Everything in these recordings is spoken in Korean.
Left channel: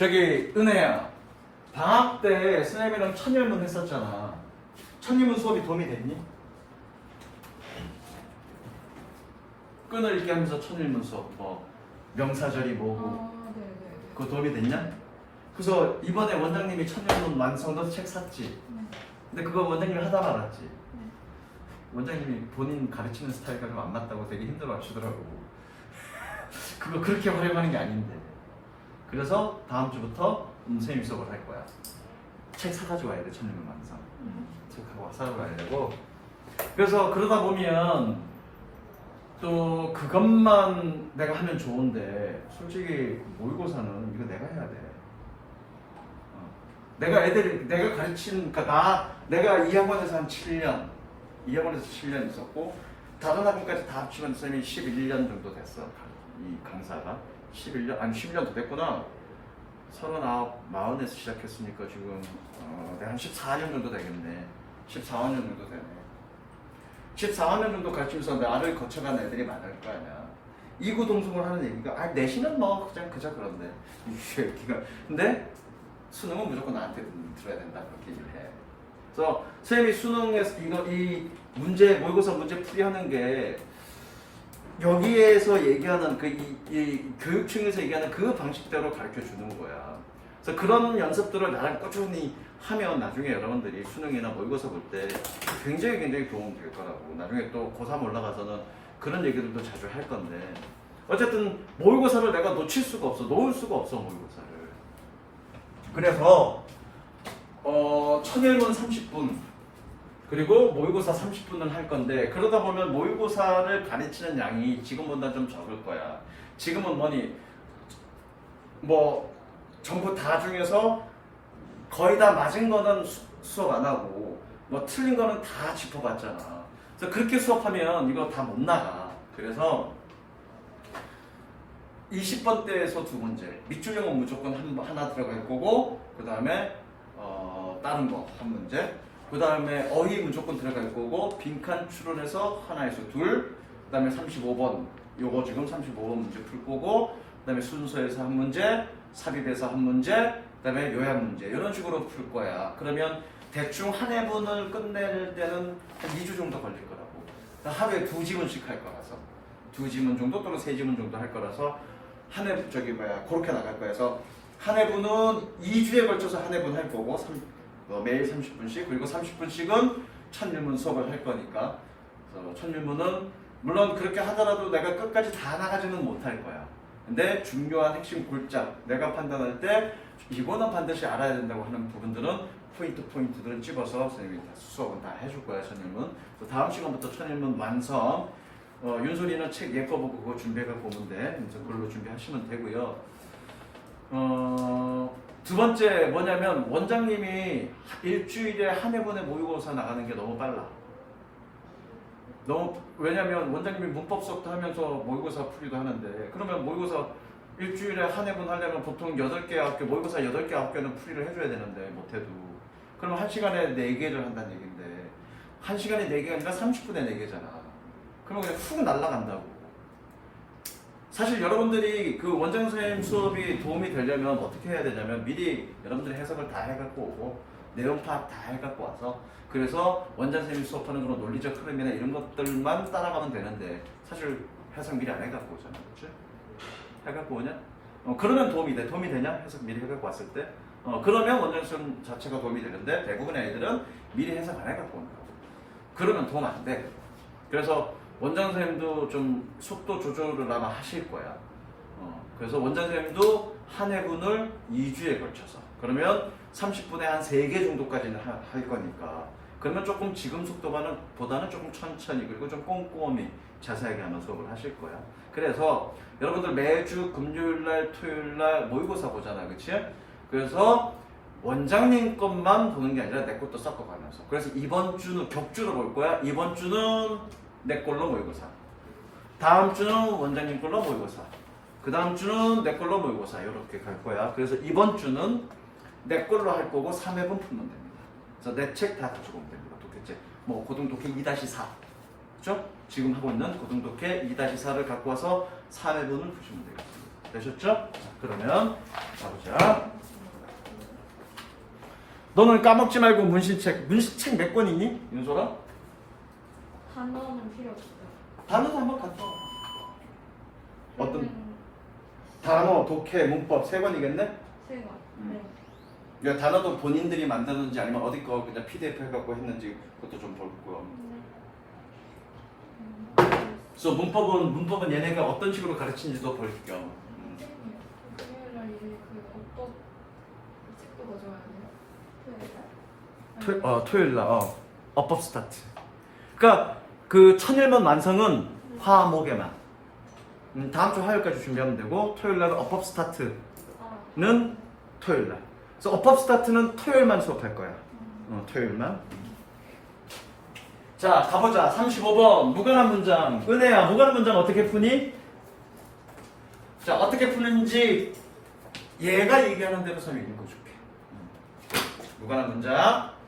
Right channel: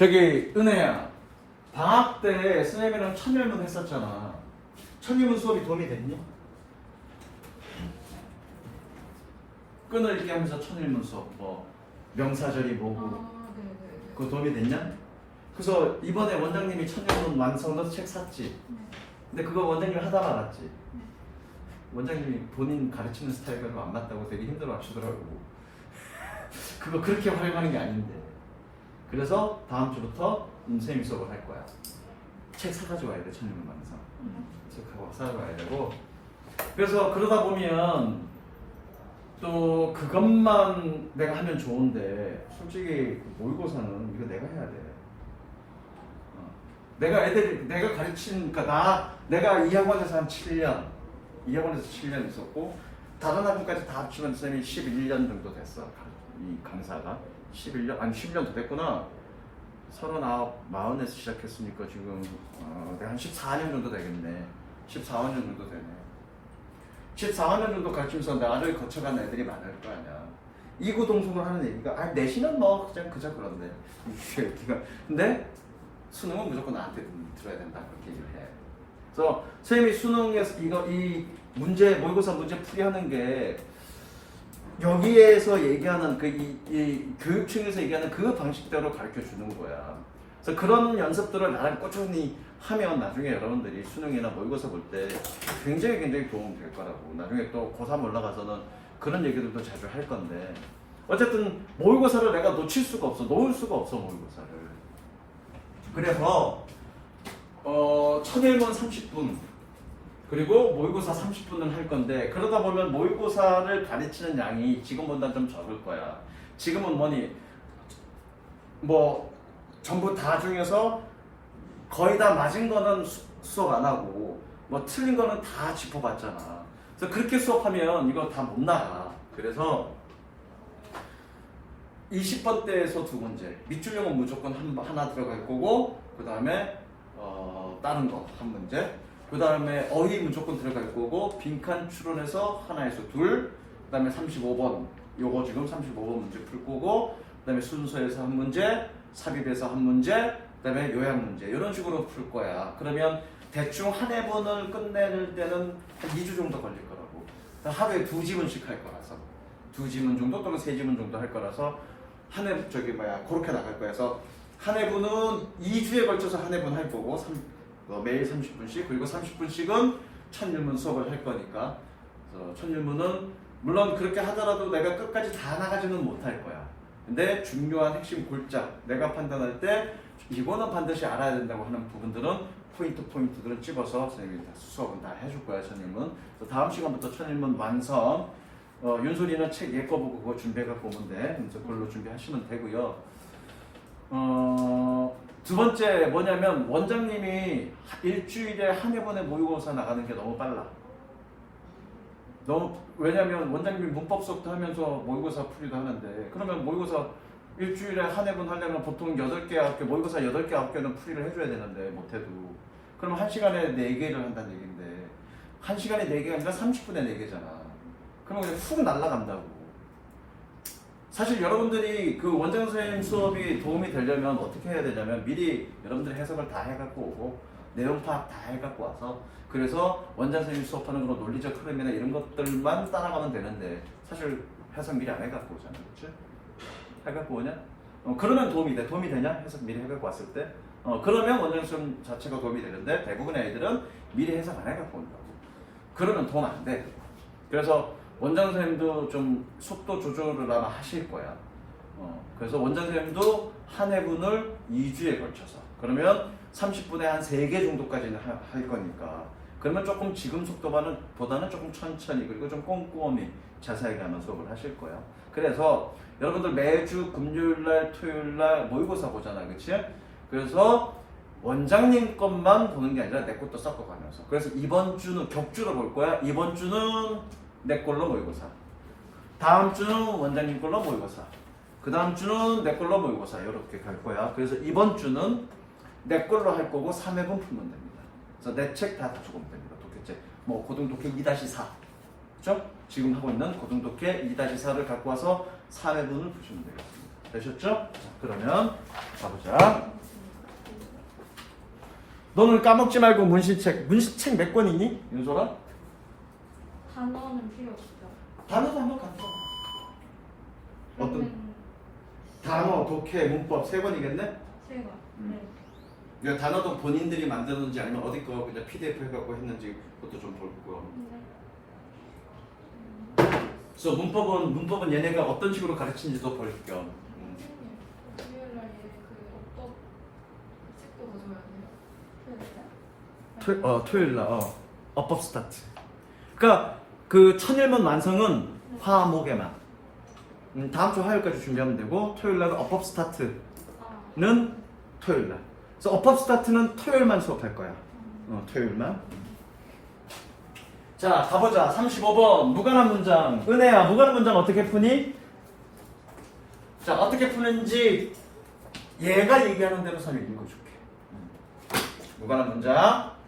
저기 은혜야, 방학 때 선생님이랑 천일문 했었잖아. 천일문 수업이 도움이 됐니? 끈을 얘기하면서 천일문 수업, 뭐 명사절이 뭐고, 네네. 그거 도움이 됐냐? 그래서 이번에 원장님이 천일문 완성도 책 샀지. 근데 그거 원장님이 하다 말았지. 원장님이 본인 가르치는 스타일과 안 맞다고 되게 힘들어 하시더라고. 그거 그렇게 활용하는 게 아닌데. 그래서 다음 주부터 선생님 수업을 할 거야. 책 사가지고 와야 돼, 천일문 완성. 책하고 사가지고 와야 되고. 그래서 그러다 보면 또 그것만 내가 하면 좋은데 솔직히 모의고사는 이거 내가 해야 돼. 내가 가르친, 그러니까 내가 이 학원에서 한 7년, 이 학원에서 7년 있었고 다른 학원까지 다 합치면 쌤이 11년 정도 됐어. 이 강사가 11년, 아니 10년 더 됐구나. 39, 40에서 시작했으니까 지금 내가 한 14년 정도 되겠네. 14년 정도 되네. 14년 정도 가르치면서 나를 거쳐간 애들이 많을 거 아니야. 이구동성을 하는 얘기가 내신은 뭐 그냥 그저 그런데 근데 수능은 무조건 나한테 들어야 된다 그렇게 얘기를 해. 그래서 선생님이 수능에서 이 문제 모의고사 문제 풀이하는 게 여기에서 얘기하는 이 교육청에서 얘기하는 그 방식대로 가르쳐 주는 거야. 그래서 그런 연습들을 나랑 꾸준히 하면 나중에 여러분들이 수능이나 모의고사 볼 때 굉장히 도움 될 거라고. 나중에 또 고3 올라가서는 그런 얘기들도 자주 할 건데 어쨌든 모의고사를 내가 놓을 수가 없어 모의고사를. 그래서 천일문 30분 그리고 모의고사 30분을 할 건데 그러다 보면 모의고사를 가르치는 양이 지금보다 좀 적을 거야. 지금은 뭐 전부 다 중에서 거의 다 맞은 거는 수업 안 하고 뭐 틀린 거는 다 짚어봤잖아. 그래서 그렇게 수업하면 이거 다 못 나가. 그래서 20번대에서 두 문제, 밑줄형은 무조건 하나 들어갈 거고 그 다음에 다른 거 한 문제, 그 다음에 어휘 무조건 들어갈 거고 빈칸 추론해서 하나에서 둘, 그 다음에 35번 요거 지금 35번 문제 풀 거고 그 다음에 순서에서 한 문제, 삽입에서 한 문제, 그 다음에 요약 문제 이런 식으로 풀 거야. 그러면 대충 한 해분을 끝낼 때는 한 2주 정도 걸릴 거라고. 하루에 2지문씩 할 거라서 2지문 정도 또는 3지문 정도 할 거라서 그렇게 나갈 거야. 그래서 한 해분은 2주에 걸쳐서 한 해분 할 거고 매일 30분씩 그리고 30분씩은 천일문 수업을 할 거니까. 그래서 천일문은 물론 그렇게 하더라도 내가 끝까지 다 나가지는 못할 거야. 근데 중요한 핵심 골자 내가 판단할 때 이거는 반드시 알아야 된다고 하는 부분들은 포인트들은 집어서 선생님이 수업은 다 해줄 거야. 천일문. 다음 시간부터 천일문 완성. 윤솔이는 책 예거 보고 그거 준비해갖고 오면 돼. 그래서 그걸로 준비하시면 되고요. 두 번째 뭐냐면 원장님이 일주일에 한 해분의 모의고사 나가는 게 너무 빨라. 왜냐면 원장님이 문법 수업도 하면서 모의고사 풀이도 하는데 그러면 모의고사 일주일에 한 해분 하려면 보통 8개, 9개, 모의고사 8개, 9개는 풀이를 해줘야 되는데 못해도 그럼 1시간에 4개를 한다는 얘기인데 1시간에 4개가 아니라 30분에 4개잖아. 그러면 그냥 훅 날아간다고. 사실 여러분들이 그 원장 선생님 수업이 도움이 되려면 어떻게 해야 되냐면 미리 여러분들이 해석을 다 해갖고 오고 내용 파악 다 해갖고 와서 그래서 원장 선생님 수업하는 그런 논리적 흐름이나 이런 것들만 따라가면 되는데 사실 해석 미리 안 해갖고 오잖아. 그치? 해갖고 오냐? 그러면 도움이 돼. 도움이 되냐? 해석 미리 해갖고 왔을 때? 그러면 원장 선생님 자체가 도움이 되는데 대부분의 아이들은 미리 해석 안 해갖고 온다고. 그러면 도움 안 돼. 그래서 원장 선생님도 좀 속도 조절을 아마 하실 거야. 그래서 원장 선생님도 한 해분을 2주에 걸쳐서 그러면 30분에 한 3개 정도까지는 할 거니까 그러면 조금 지금 속도보다는 조금 천천히 그리고 좀 꼼꼼히 자세하게 하면 수업을 하실 거야. 그래서 여러분들 매주 금요일날 토요일날 모의고사 보잖아. 그치? 그래서 원장님 것만 보는 게 아니라 내 것도 섞어가면서 그래서 이번 주는 격주로 볼 거야. 이번 주는 내 걸로 모의고사, 다음 주는 원장님 걸로 모의고사, 그 다음 주는 내 걸로 모의고사 이렇게 갈 거야. 그래서 이번 주는 내 걸로 할 거고 3회분 풀면 됩니다. 그래서 내 책 다 가지고 오면 됩니다. 독해책 뭐 고등독해 2-4 그렇죠? 지금 하고 있는 고등독해 2-4를 갖고 와서 3회분을 푸시면 되겠습니다. 되셨죠? 자, 그러면 가보자. 너는 까먹지 말고 문시책 몇 권이니? 윤소라? 단어는 필요 없어요. 단어도 한번 갖다 와. 어떤 단어, 독해, 문법 세 권이겠네? 세 번. 네. 야, 단어도 본인들이 만들었는지 아니면 어디 거 그냥 PDF 해갖고 했는지 그것도 좀 볼고요. 그래서 문법은 얘네가 어떤 식으로 가르치는지도 볼 겸. 토요일 날 어법 스타트. 그러니까 그 천일문 완성은 화목에만. 다음 주 화요일까지 준비하면 되고 토요일 날 어법 스타트는 토요일 날. 그래서 어법 스타트는 토요일만 수업할 거야. 토요일만. 자, 가보자. 35번 무관한 문장. 은혜야, 무관한 문장 어떻게 푸니? 자, 어떻게 푸는지 얘가 얘기하는 대로 선생님이 읽어줄게. 무관한 문장.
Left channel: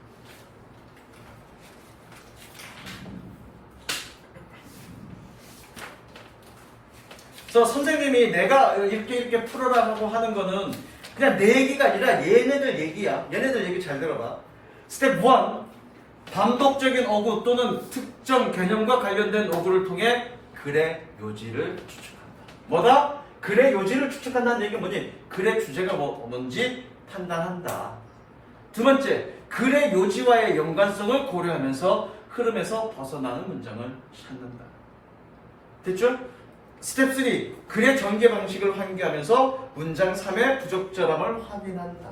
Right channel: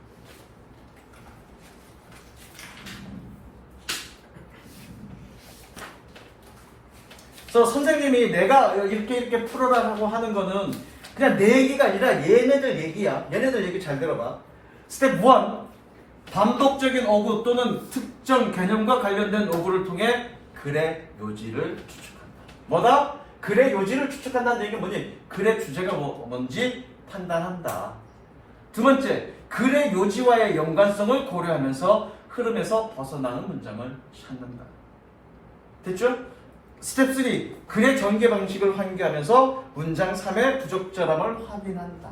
그래서 선생님이 내가 이렇게 풀어라 하고 하는 거는 그냥 내 얘기가 아니라 얘네들 얘기야. 얘네들 얘기 잘 들어봐. 스텝 1. 반복적인 어구 또는 특정 개념과 관련된 어구를 통해 글의 요지를 추측한다. 뭐다? 글의 요지를 추측한다는 얘기가 뭐니? 글의 주제가 뭔지 판단한다. 두 번째, 글의 요지와의 연관성을 고려하면서 흐름에서 벗어나는 문장을 찾는다. 됐죠? 스텝 3. 글의 전개 방식을 환기하면서 문장 3의 부적절함을 확인한다.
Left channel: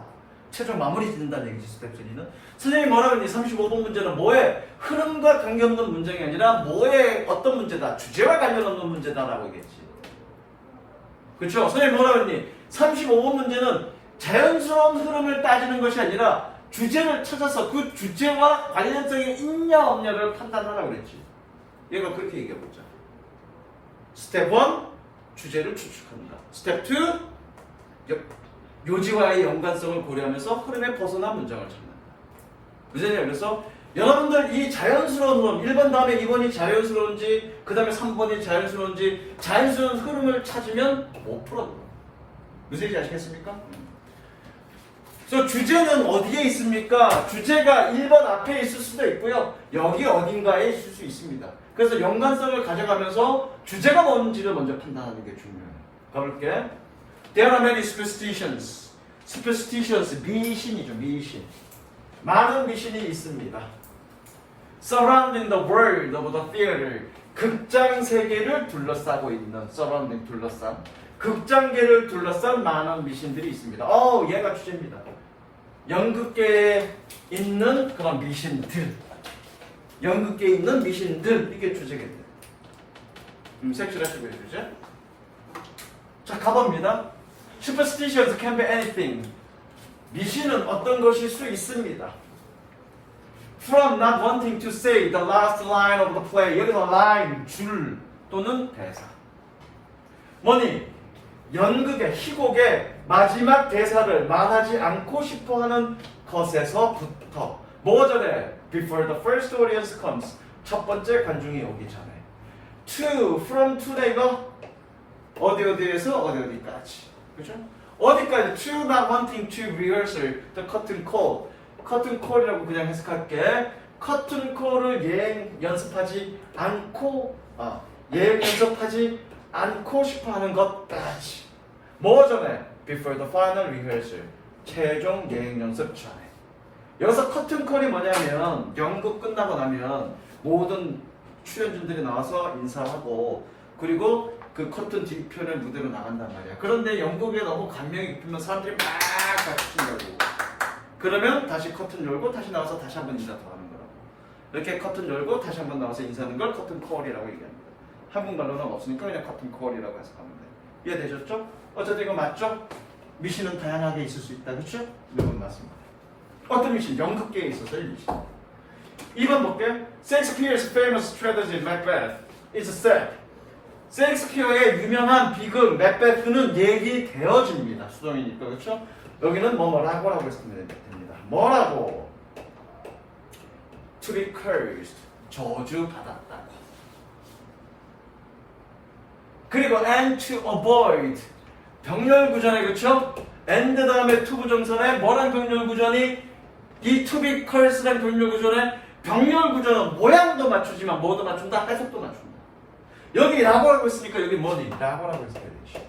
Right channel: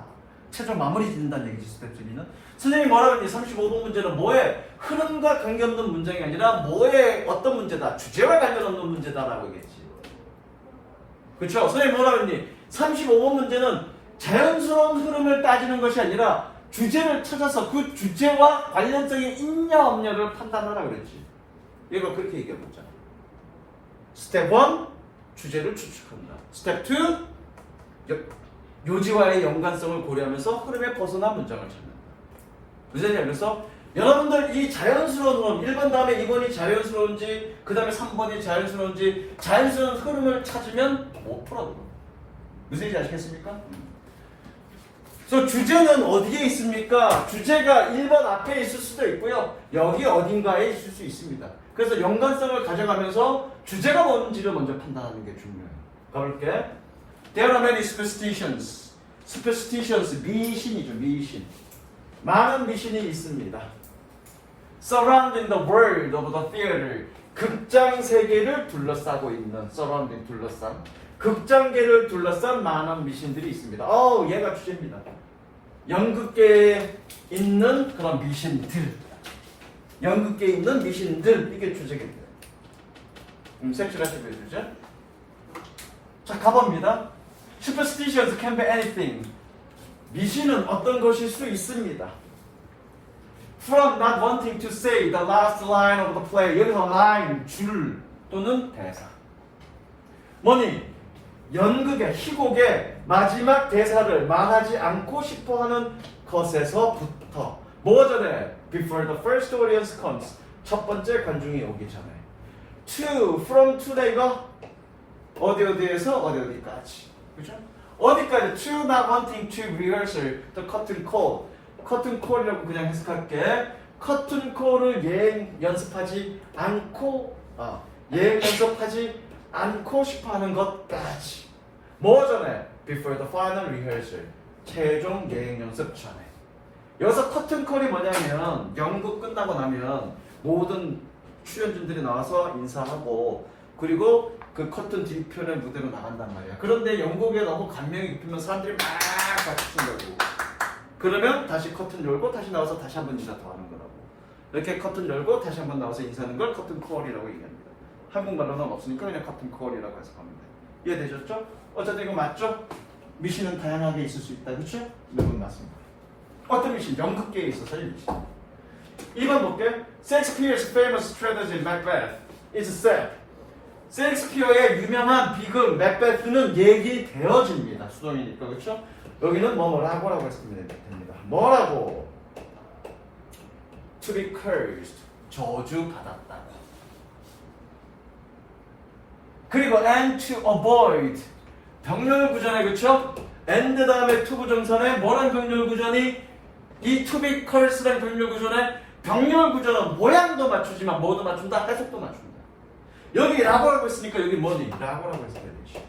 최종 마무리 짓는다는 얘기지, 스텝 3는. 선생님이 뭐라고 했니? 35번 문제는 뭐에? 흐름과 관계없는 문장이 아니라 뭐에 어떤 문제다? 주제와 관련없는 문제다라고 얘기했지. 그렇죠? 선생님이 뭐라고 했니? 35번 문제는 자연스러운 흐름을 따지는 것이 아니라 주제를 찾아서 그 주제와 관련성이 있냐 없냐를 판단하라고 그랬지. 얘가 그렇게 얘기해봤잖아. 스텝 1. 주제를 추측한다. 스텝 2. 요지와의 연관성을 고려하면서 흐름에 벗어난 문장을 찾는다. 무슨 얘기야? 그래서 여러분들 이 자연스러운 흐름 1번 다음에 2번이 자연스러운지 그 다음에 3번이 자연스러운지 자연스러운 흐름을 찾으면 못 풀어도 무슨 얘기인지 아시겠습니까? 그래서 주제는 어디에 있습니까? 주제가 1번 앞에 있을 수도 있고요. 여기 어딘가에 있을 수 있습니다. 그래서 연관성을 가져가면서 주제가 뭔지를 먼저 판단하는 게 중요해요. 가볼게. There are many superstitions. Superstitions, 미신이죠, 미신. 많은 미신이 있습니다. Surrounding the world of the theater. 극장 세계를 둘러싸고 있는, surrounding, 둘러싼. 극장계를 둘러싼 많은 미신들이 있습니다. 얘가 주제입니다. 연극계에 있는 그런 미신들. 연극계에 있는 미신들. 이게 주제입니다. 색칠하시면 주제. 자, 가봅니다. Superstitions can be anything. 미신은 어떤 것일 수 있습니다. From not wanting to say the last line of the play. 여기서 line, 줄 또는 대사. 뭐니? 연극의 희곡의 마지막 대사를 말하지 않고 싶어하는 것에서부터 뭐 전에? Before the first audience comes. 첫 번째 관중이 오기 전에. To, from to는 이거 어디에서 어디까지. 그죠? 어디까지? To not wanting to rehearsal the curtain call. curtain call이라고 그냥 해석할게. curtain call을 예행 연습하지 않고 예행 연습하지 않고 싶어하는 것까지. 뭐 전에? Before the final rehearsal. 최종 예행 연습 전에. 여기서 커튼 콜이 뭐냐면 연극 끝나고 나면 모든 출연진들이 나와서 인사하고 그리고 그 커튼 뒤편의 무대로 나간단 말이야. 그런데 연극에 너무 감명이 깊으면 사람들이 막 같이 춘다고. 그러면 다시 커튼 열고 다시 나와서 다시 한번 인사 더 하는 거라고. 이렇게 커튼 열고 다시 한번 나와서 인사하는 걸 커튼 콜이라고 얘기합니다. 한국말로는 없으니까 그냥 커튼 콜이라고 해서 하면 돼. 이해되셨죠? 어쨌든 이거 맞죠? 미신은 다양하게 있을 수 있다. 그렇죠? 이건 맞습니다. 어떤 미신? 연극계에 있어서의 미신. 2번 볼게. Shakespeare's famous tragedy Macbeth is set. 셰익스피어의 유명한 비극 맥베스는 얘기되어집니다. 수동이니까 그렇죠? 여기는 뭐라고라고 했으면 됩니다. 뭐라고? To be cursed. 저주받았다고. 그리고 and to avoid. 병렬구전에 그렇죠? and 다음에 to 부정선에 뭐라는 병렬구전이 이 투비컬스란 병렬 구조는 병렬 구조는 모양도 맞추지만 뭐도 맞춘다? 해석도 맞춘다. 여기 라고라고 했으니까 여기 뭐니? 라고라고 했어야 되지.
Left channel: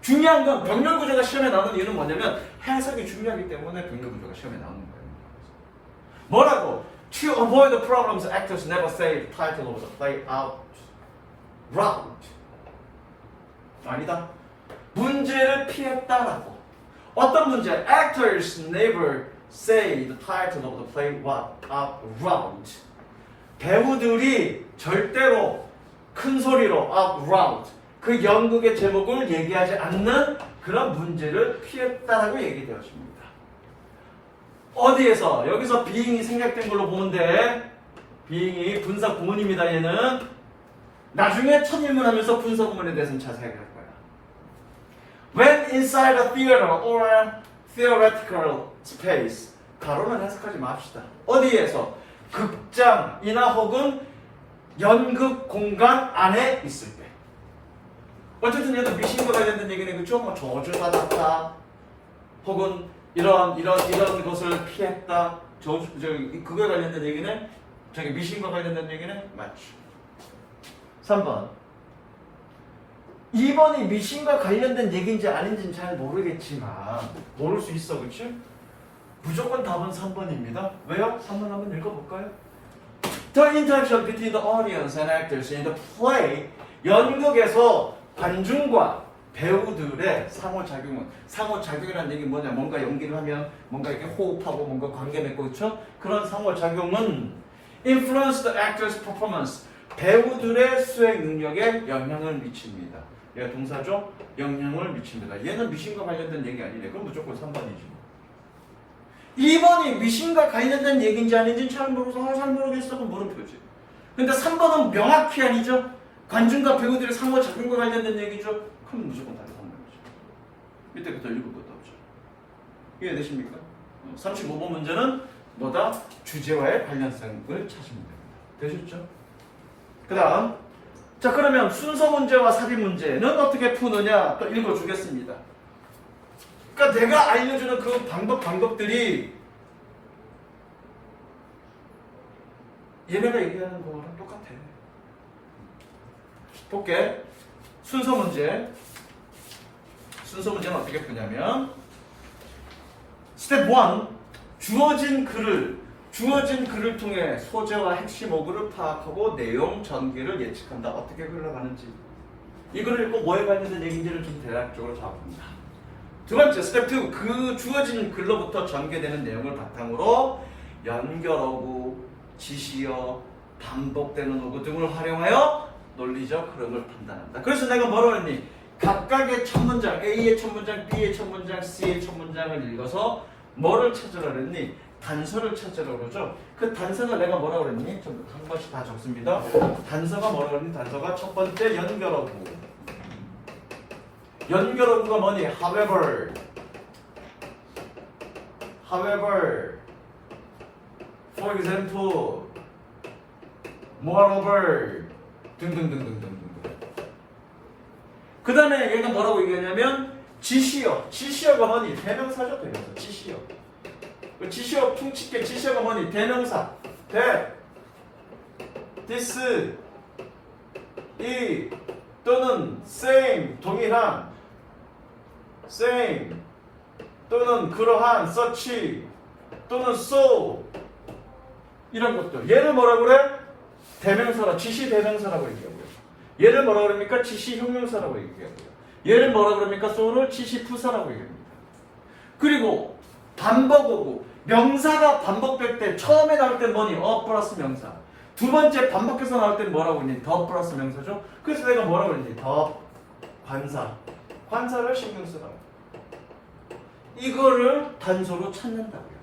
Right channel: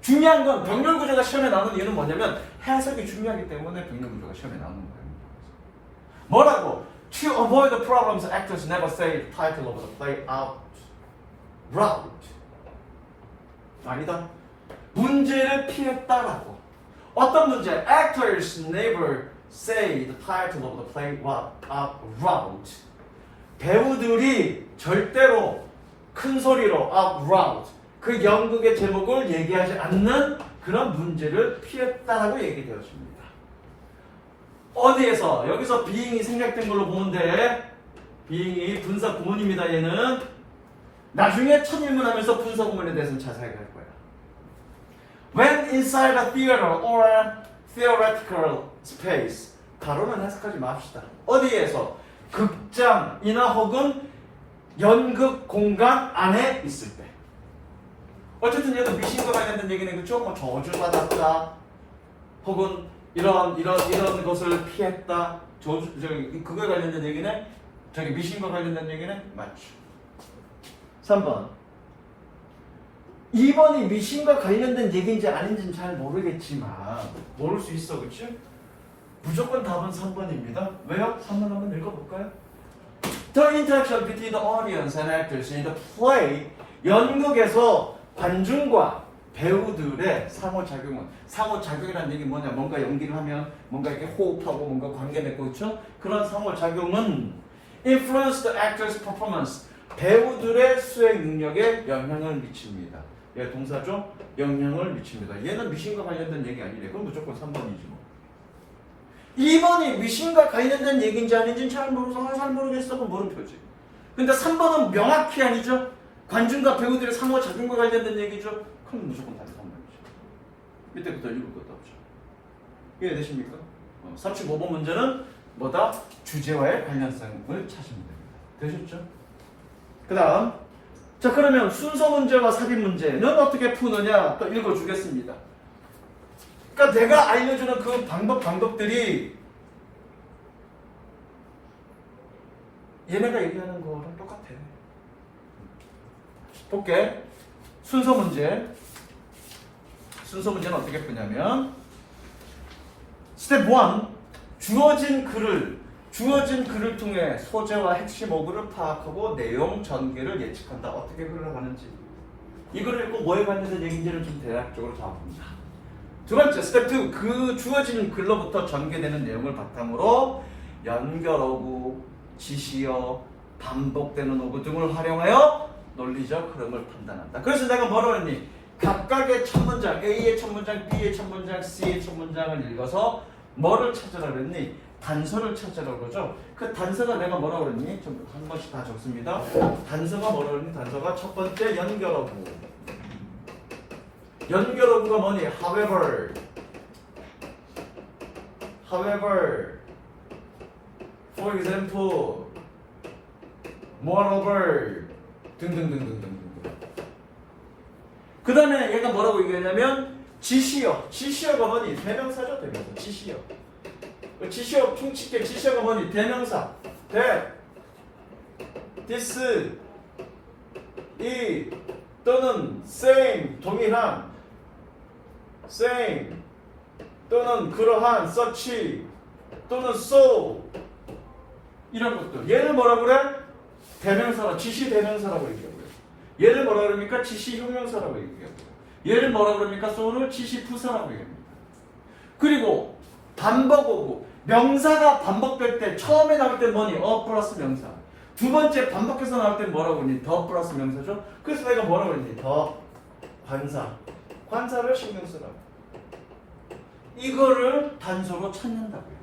중요한 건 병렬 구조가 시험에 나오는 이유는 뭐냐면 해석이 중요하기 때문에 병렬 구조가 시험에 나오는 거예요. 뭐라고? To avoid the problems, actors never say the title of the play out loud. 아니다. 문제를 피했다라고. 어떤 문제? Actors never say the title of the play out loud. 배우들이 절대로 큰 소리로 out loud 그 연극의 제목을 얘기하지 않는 그런 문제를 피했다라고 얘기되었습니다. 어디에서? 여기서 being이 생략된 걸로 보면 돼. being이 분사 구문입니다. 얘는 나중에 첫 일문하면서 분사 구문에 대해서는 자세하게 할 거야. When inside a theater or a theoretical space 가로는 해석하지 맙시다. 어디에서? 극장이나 혹은 연극 공간 안에 있을 때. 어쨌든 얘도 미신과 관련된 얘기는 그쵸? 뭐 저주받았다 혹은 이런 것을 피했다. 그거에 관련된 얘기네. 저기 미신과 관련된 얘기네. 맞죠. 3번. 2번이 미신과 관련된 얘기인지 아닌지는 잘 모르겠지만 모를 수 있어. 그치? 무조건 답은 3번입니다. 왜요? 3번 한번 읽어볼까요? The interaction between the audience and actors in the play. 연극에서 관중과 배우들의 상호작용이라는 얘기 뭐냐? 뭔가 연기를 하면 뭔가 이렇게 호흡하고 뭔가 관계 맺고 그렇죠? 그런 상호작용은 influence the actor's performance. 배우들의 수행 능력에 영향을 미칩니다. 얘가 동사죠? 영향을 미칩니다. 얘는 미신과 관련된 얘기 아니네. 그럼 무조건 3번이지 뭐. 2번이 미신과 관련된 얘기인지 아닌지는 잘 모르겠어. 그럼 물음표지. 근데 3번은 명확히 아니죠? 관중과 배우들의 상호작용과 관련된 얘기죠? 그럼 무조건 답이 3번이죠. 밑에부터 읽을 것도 없죠. 이해되십니까? 35번 문제는 뭐다? 주제와의 관련성을 찾으면 됩니다. 되셨죠? 그 다음 자 그러면 순서 문제와 삽입 문제는 어떻게 푸느냐 또 읽어주겠습니다. 그러니까 내가 알려주는 그 방법들이 얘네가 얘기하는 거랑 똑같아. 볼게. 순서 문제는 어떻게 푸냐면 스텝 1 주어진 글을 통해 소재와 핵심 어구를 파악하고 내용 전개를 예측한다. 어떻게 흘러가는지. 이 글을 읽고 뭐에 관련된 얘기인지를 좀 대략적으로 잡습니다. 두 번째, 스텝 2. 그 주어진 글로부터 전개되는 내용을 바탕으로 연결어구, 지시어, 반복되는 어구 등을 활용하여 논리적 흐름을 판단한다. 그래서 내가 뭐라고 했니? 각각의 첫 문장, A의 첫 문장, B의 첫 문장, C의 첫 문장을 읽어서 뭐를 찾으라 그랬니? 단서를 찾으라고 그러죠. 그 단서가 내가 뭐라고 그랬니? 전부 한 번씩 다 적습니다. 단서가 뭐라고 그랬니? 단서가 첫 번째 연결어구. 연결어구가 뭐니? However, for example, moreover 등등등등등등. 그 다음에 얘가 뭐라고 얘기하냐면 지시어가 뭐니? 대명사죠. 대명사. 지시어 퉁치게 지시어가 뭐니? 대명사. this, 이 또는 same 동일한 same 또는 그러한 such 또는 so 이런 것들. 얘를 뭐라고 그래? 대명사라 지시 대명사라고 얘기하고요. 얘를 뭐라고 그럽니까? 지시 형용사라고 얘기하고요. 얘를 뭐라고 그럽니까? so를 지시 부사라고 얘기합니다. 그리고 반복어구 명사가 반복될 때 처음에 나올 때 뭐니? 플러스 명사. 두 번째 반복해서 나올 때는 뭐라고 했니? 더 플러스 명사죠. 그래서 내가 뭐라고 했니? 더 관사를 신경 쓰라고. 이거를 단서로 찾는다고요.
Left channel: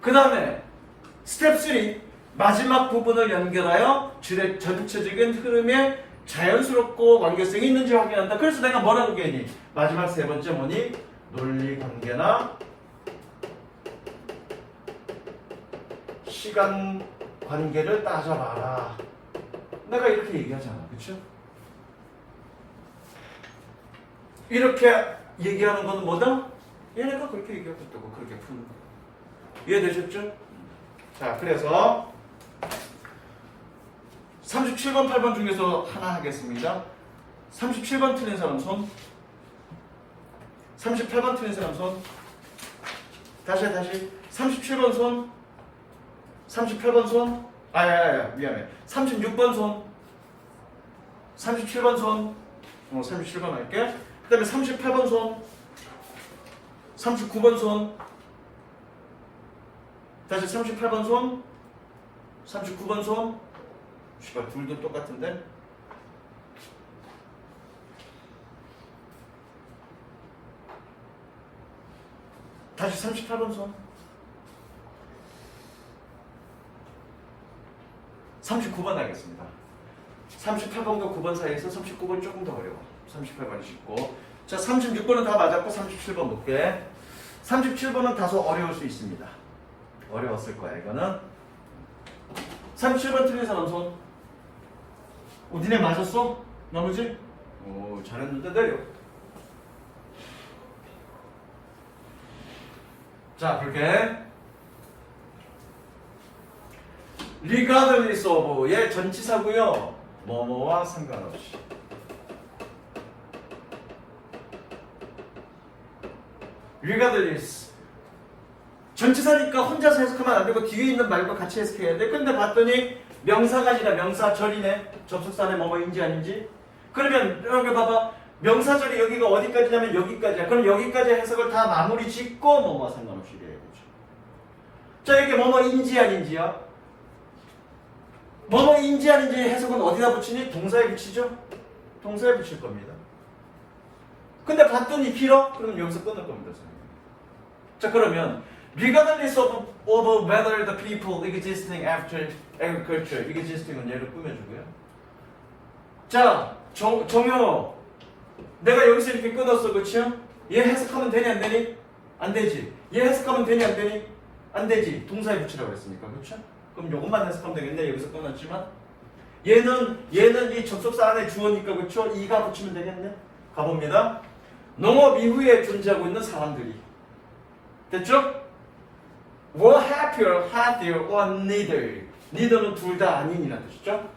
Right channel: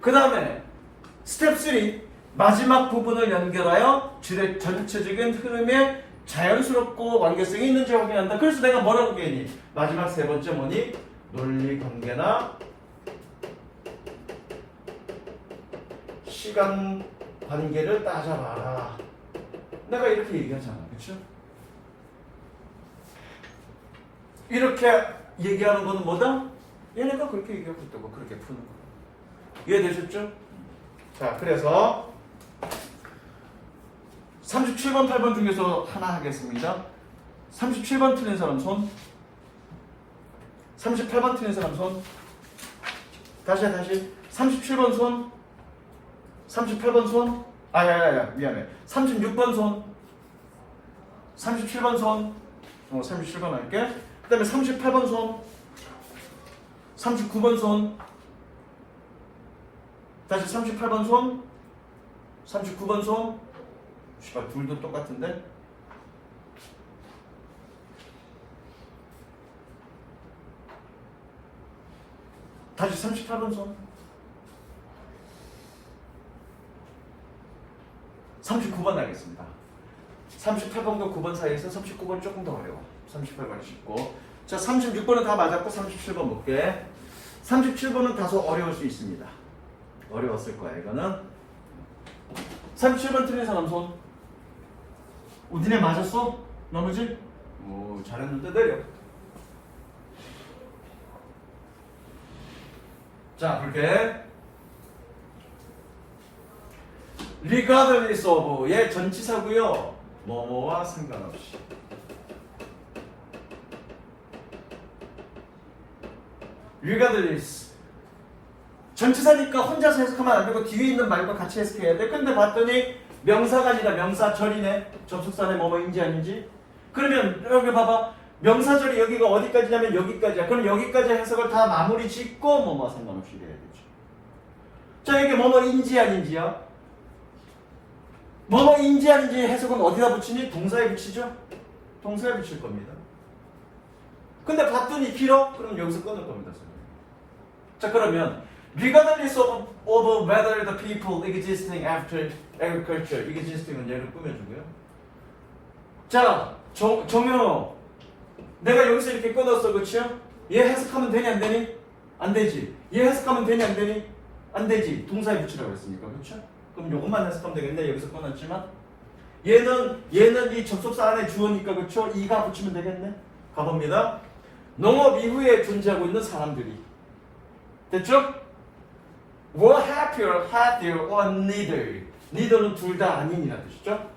그 다음에 스텝 3 마지막 부분을 연결하여 전체적인 흐름에 자연스럽고 관계성이 있는지 확인한다. 그래서 내가 뭐라고 얘기했니? 마지막 세 번째 뭐니? 논리 관계나 시간 관계를 따져봐라. 내가 이렇게 얘기하잖아. 그렇죠? 이렇게 얘기하는 거는 뭐다? 얘네가 그렇게 얘기하고 있다고 그렇게 푸는 거예요. 이해되셨죠? 자, 그래서 37번, 8번 중에서 하나 하겠습니다. 37번 틀린 사람 손. 38번 틀린 사람 손. 다시 37번 손. 38번 손. 미안해. 36번 손. 37번 손. 37번 할게. 그 다음에 38번 손. 39번 손. 다시 38번 손. 39번 손. 씨발, 둘도 똑같은데? 다시 38번 손. 39번 하겠습니다. 38번과 9번 사이에서 39번 조금 더 어려워. 38번이 쉽고. 자, 36번은 다 맞았고 37번 볼게. 37번은 다소 어려울 수 있습니다. 어려웠을 거야, 이거는. 37번 틀린 사람 손. 니네 맞았어? 나머지? 오, 잘했는데 내려. 자, 그렇게 regardless of 얘 전치사고요. 뭐뭐와 상관없이. regardless 전치사니까 혼자서 해석하면 안 되고 뒤에 있는 말과 같이 해석해야 돼. 근데 봤더니 명사가 아니라 명사절이네. 접속사네 뭐뭐인지 아닌지. 그러면 여기 봐봐. 명사절이 여기가 어디까지냐면 여기까지야. 그럼 여기까지 해석을 다 마무리 짓고 뭐뭐 상관없이 해야 되죠. 자, 이게 뭐뭐인지 아닌지야. 뭐뭐인지 아닌지 해석은 어디다 붙이니? 동사에 붙이죠? 동사에 붙일 겁니다. 근데 봤더니 길어? 그럼 여기서 끊을 겁니다, 선생님. 자, 그러면 regardless of whether the people existing after agriculture, existing은 얘를 꾸며주고요. 자, 정현호, 내가 여기서 이렇게 끊었어, 그치요? 얘 해석하면 되니 안 되니? 안 되지. 얘 해석하면 되니 안 되니? 안 되지. 동사에 붙이라고 했으니까, 그쵸? 그럼 요것만 해석하면 되겠네. 여기서 끊었지만 얘는 이 접속사 안에 주어니까, 그쵸? 이가 붙이면 되겠네. 가봅니다. 농업 이후에 존재하고 있는 사람들이 됐죠? were happier, healthier, or neither. neither는 둘 다 아닌이라는 뜻이죠.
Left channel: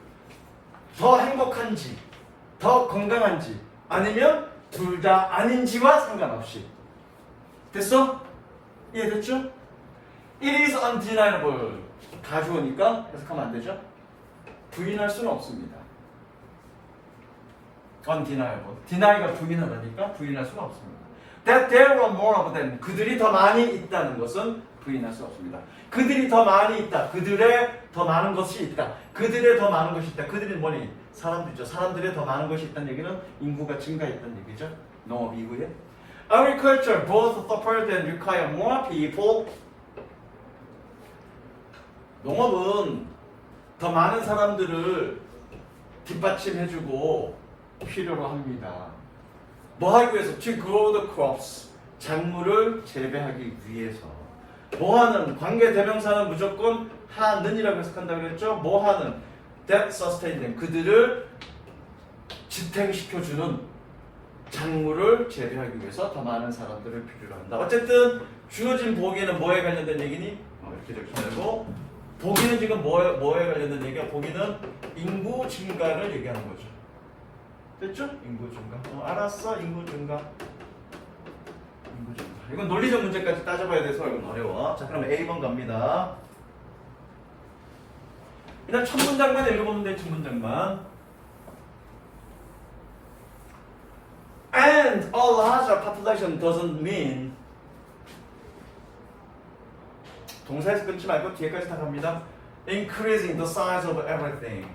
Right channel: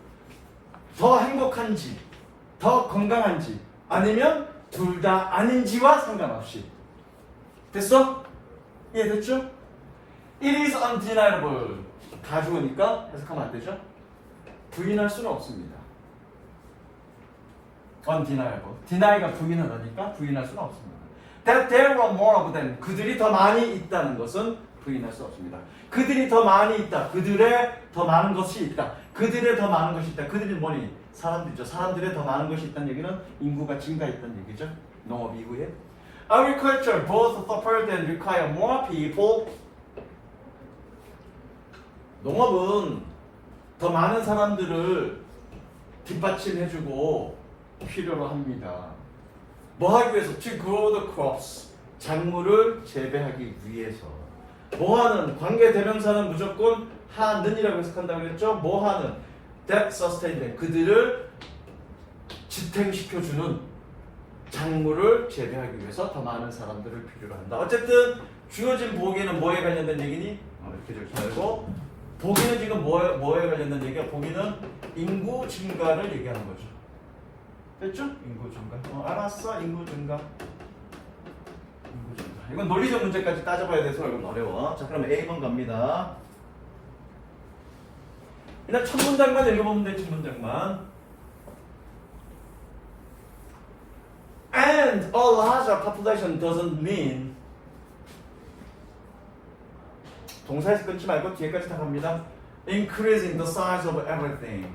더 행복한지, 더 건강한지, 아니면 둘 다 아닌지와 상관없이. 됐어? 이해됐죠? It is undeniable. 가주어니까 해석하면 안 되죠? 부인할 수는 없습니다. undeniable. deny가 부인을 하니까 부인할 수는 없습니다. That there were more of them. 그들이 더 많이 있다는 것은 부인할 수 없습니다. 그들이 더 많이 있다. 그들의 더 많은 것이 있다. 그들의 더 많은 것이 있다. 그들이 뭐니? 사람들이죠. 사람들의 더 많은 것이 있다는 얘기는 인구가 증가했다는 얘기죠. 농업 이후에. Agriculture both suffered and require more people. 농업은 더 많은 사람들을 뒷받침해주고 필요로 합니다. 뭐 하기 위해서? To grow the crops. 작물을 재배하기 위해서. 뭐 하는? 관계 대명사는 무조건 하는이라고 해석한다고 그랬죠? 뭐 하는? That sustain them. 그들을 지탱시켜주는 작물을 재배하기 위해서 더 많은 사람들을 필요로 한다. 어쨌든 주어진 보기는 뭐에 관련된 얘기니? 이렇게 적지 말고 보기는 지금 뭐에 관련된 얘기야? 보기는 인구 증가를 얘기하는 거죠. 됐죠? 인구 증가. 알았어. 인구 증가. 인구 증가. 이건 논리적 문제까지 따져봐야 돼서 이건 어려워. 자, 그럼 A번 갑니다. 일단 첫 문장만 읽어보면 돼. 첫 문장만. And a larger population doesn't mean. 동사에서 끊지 말고 뒤에까지 다 갑니다. Increasing the size of everything.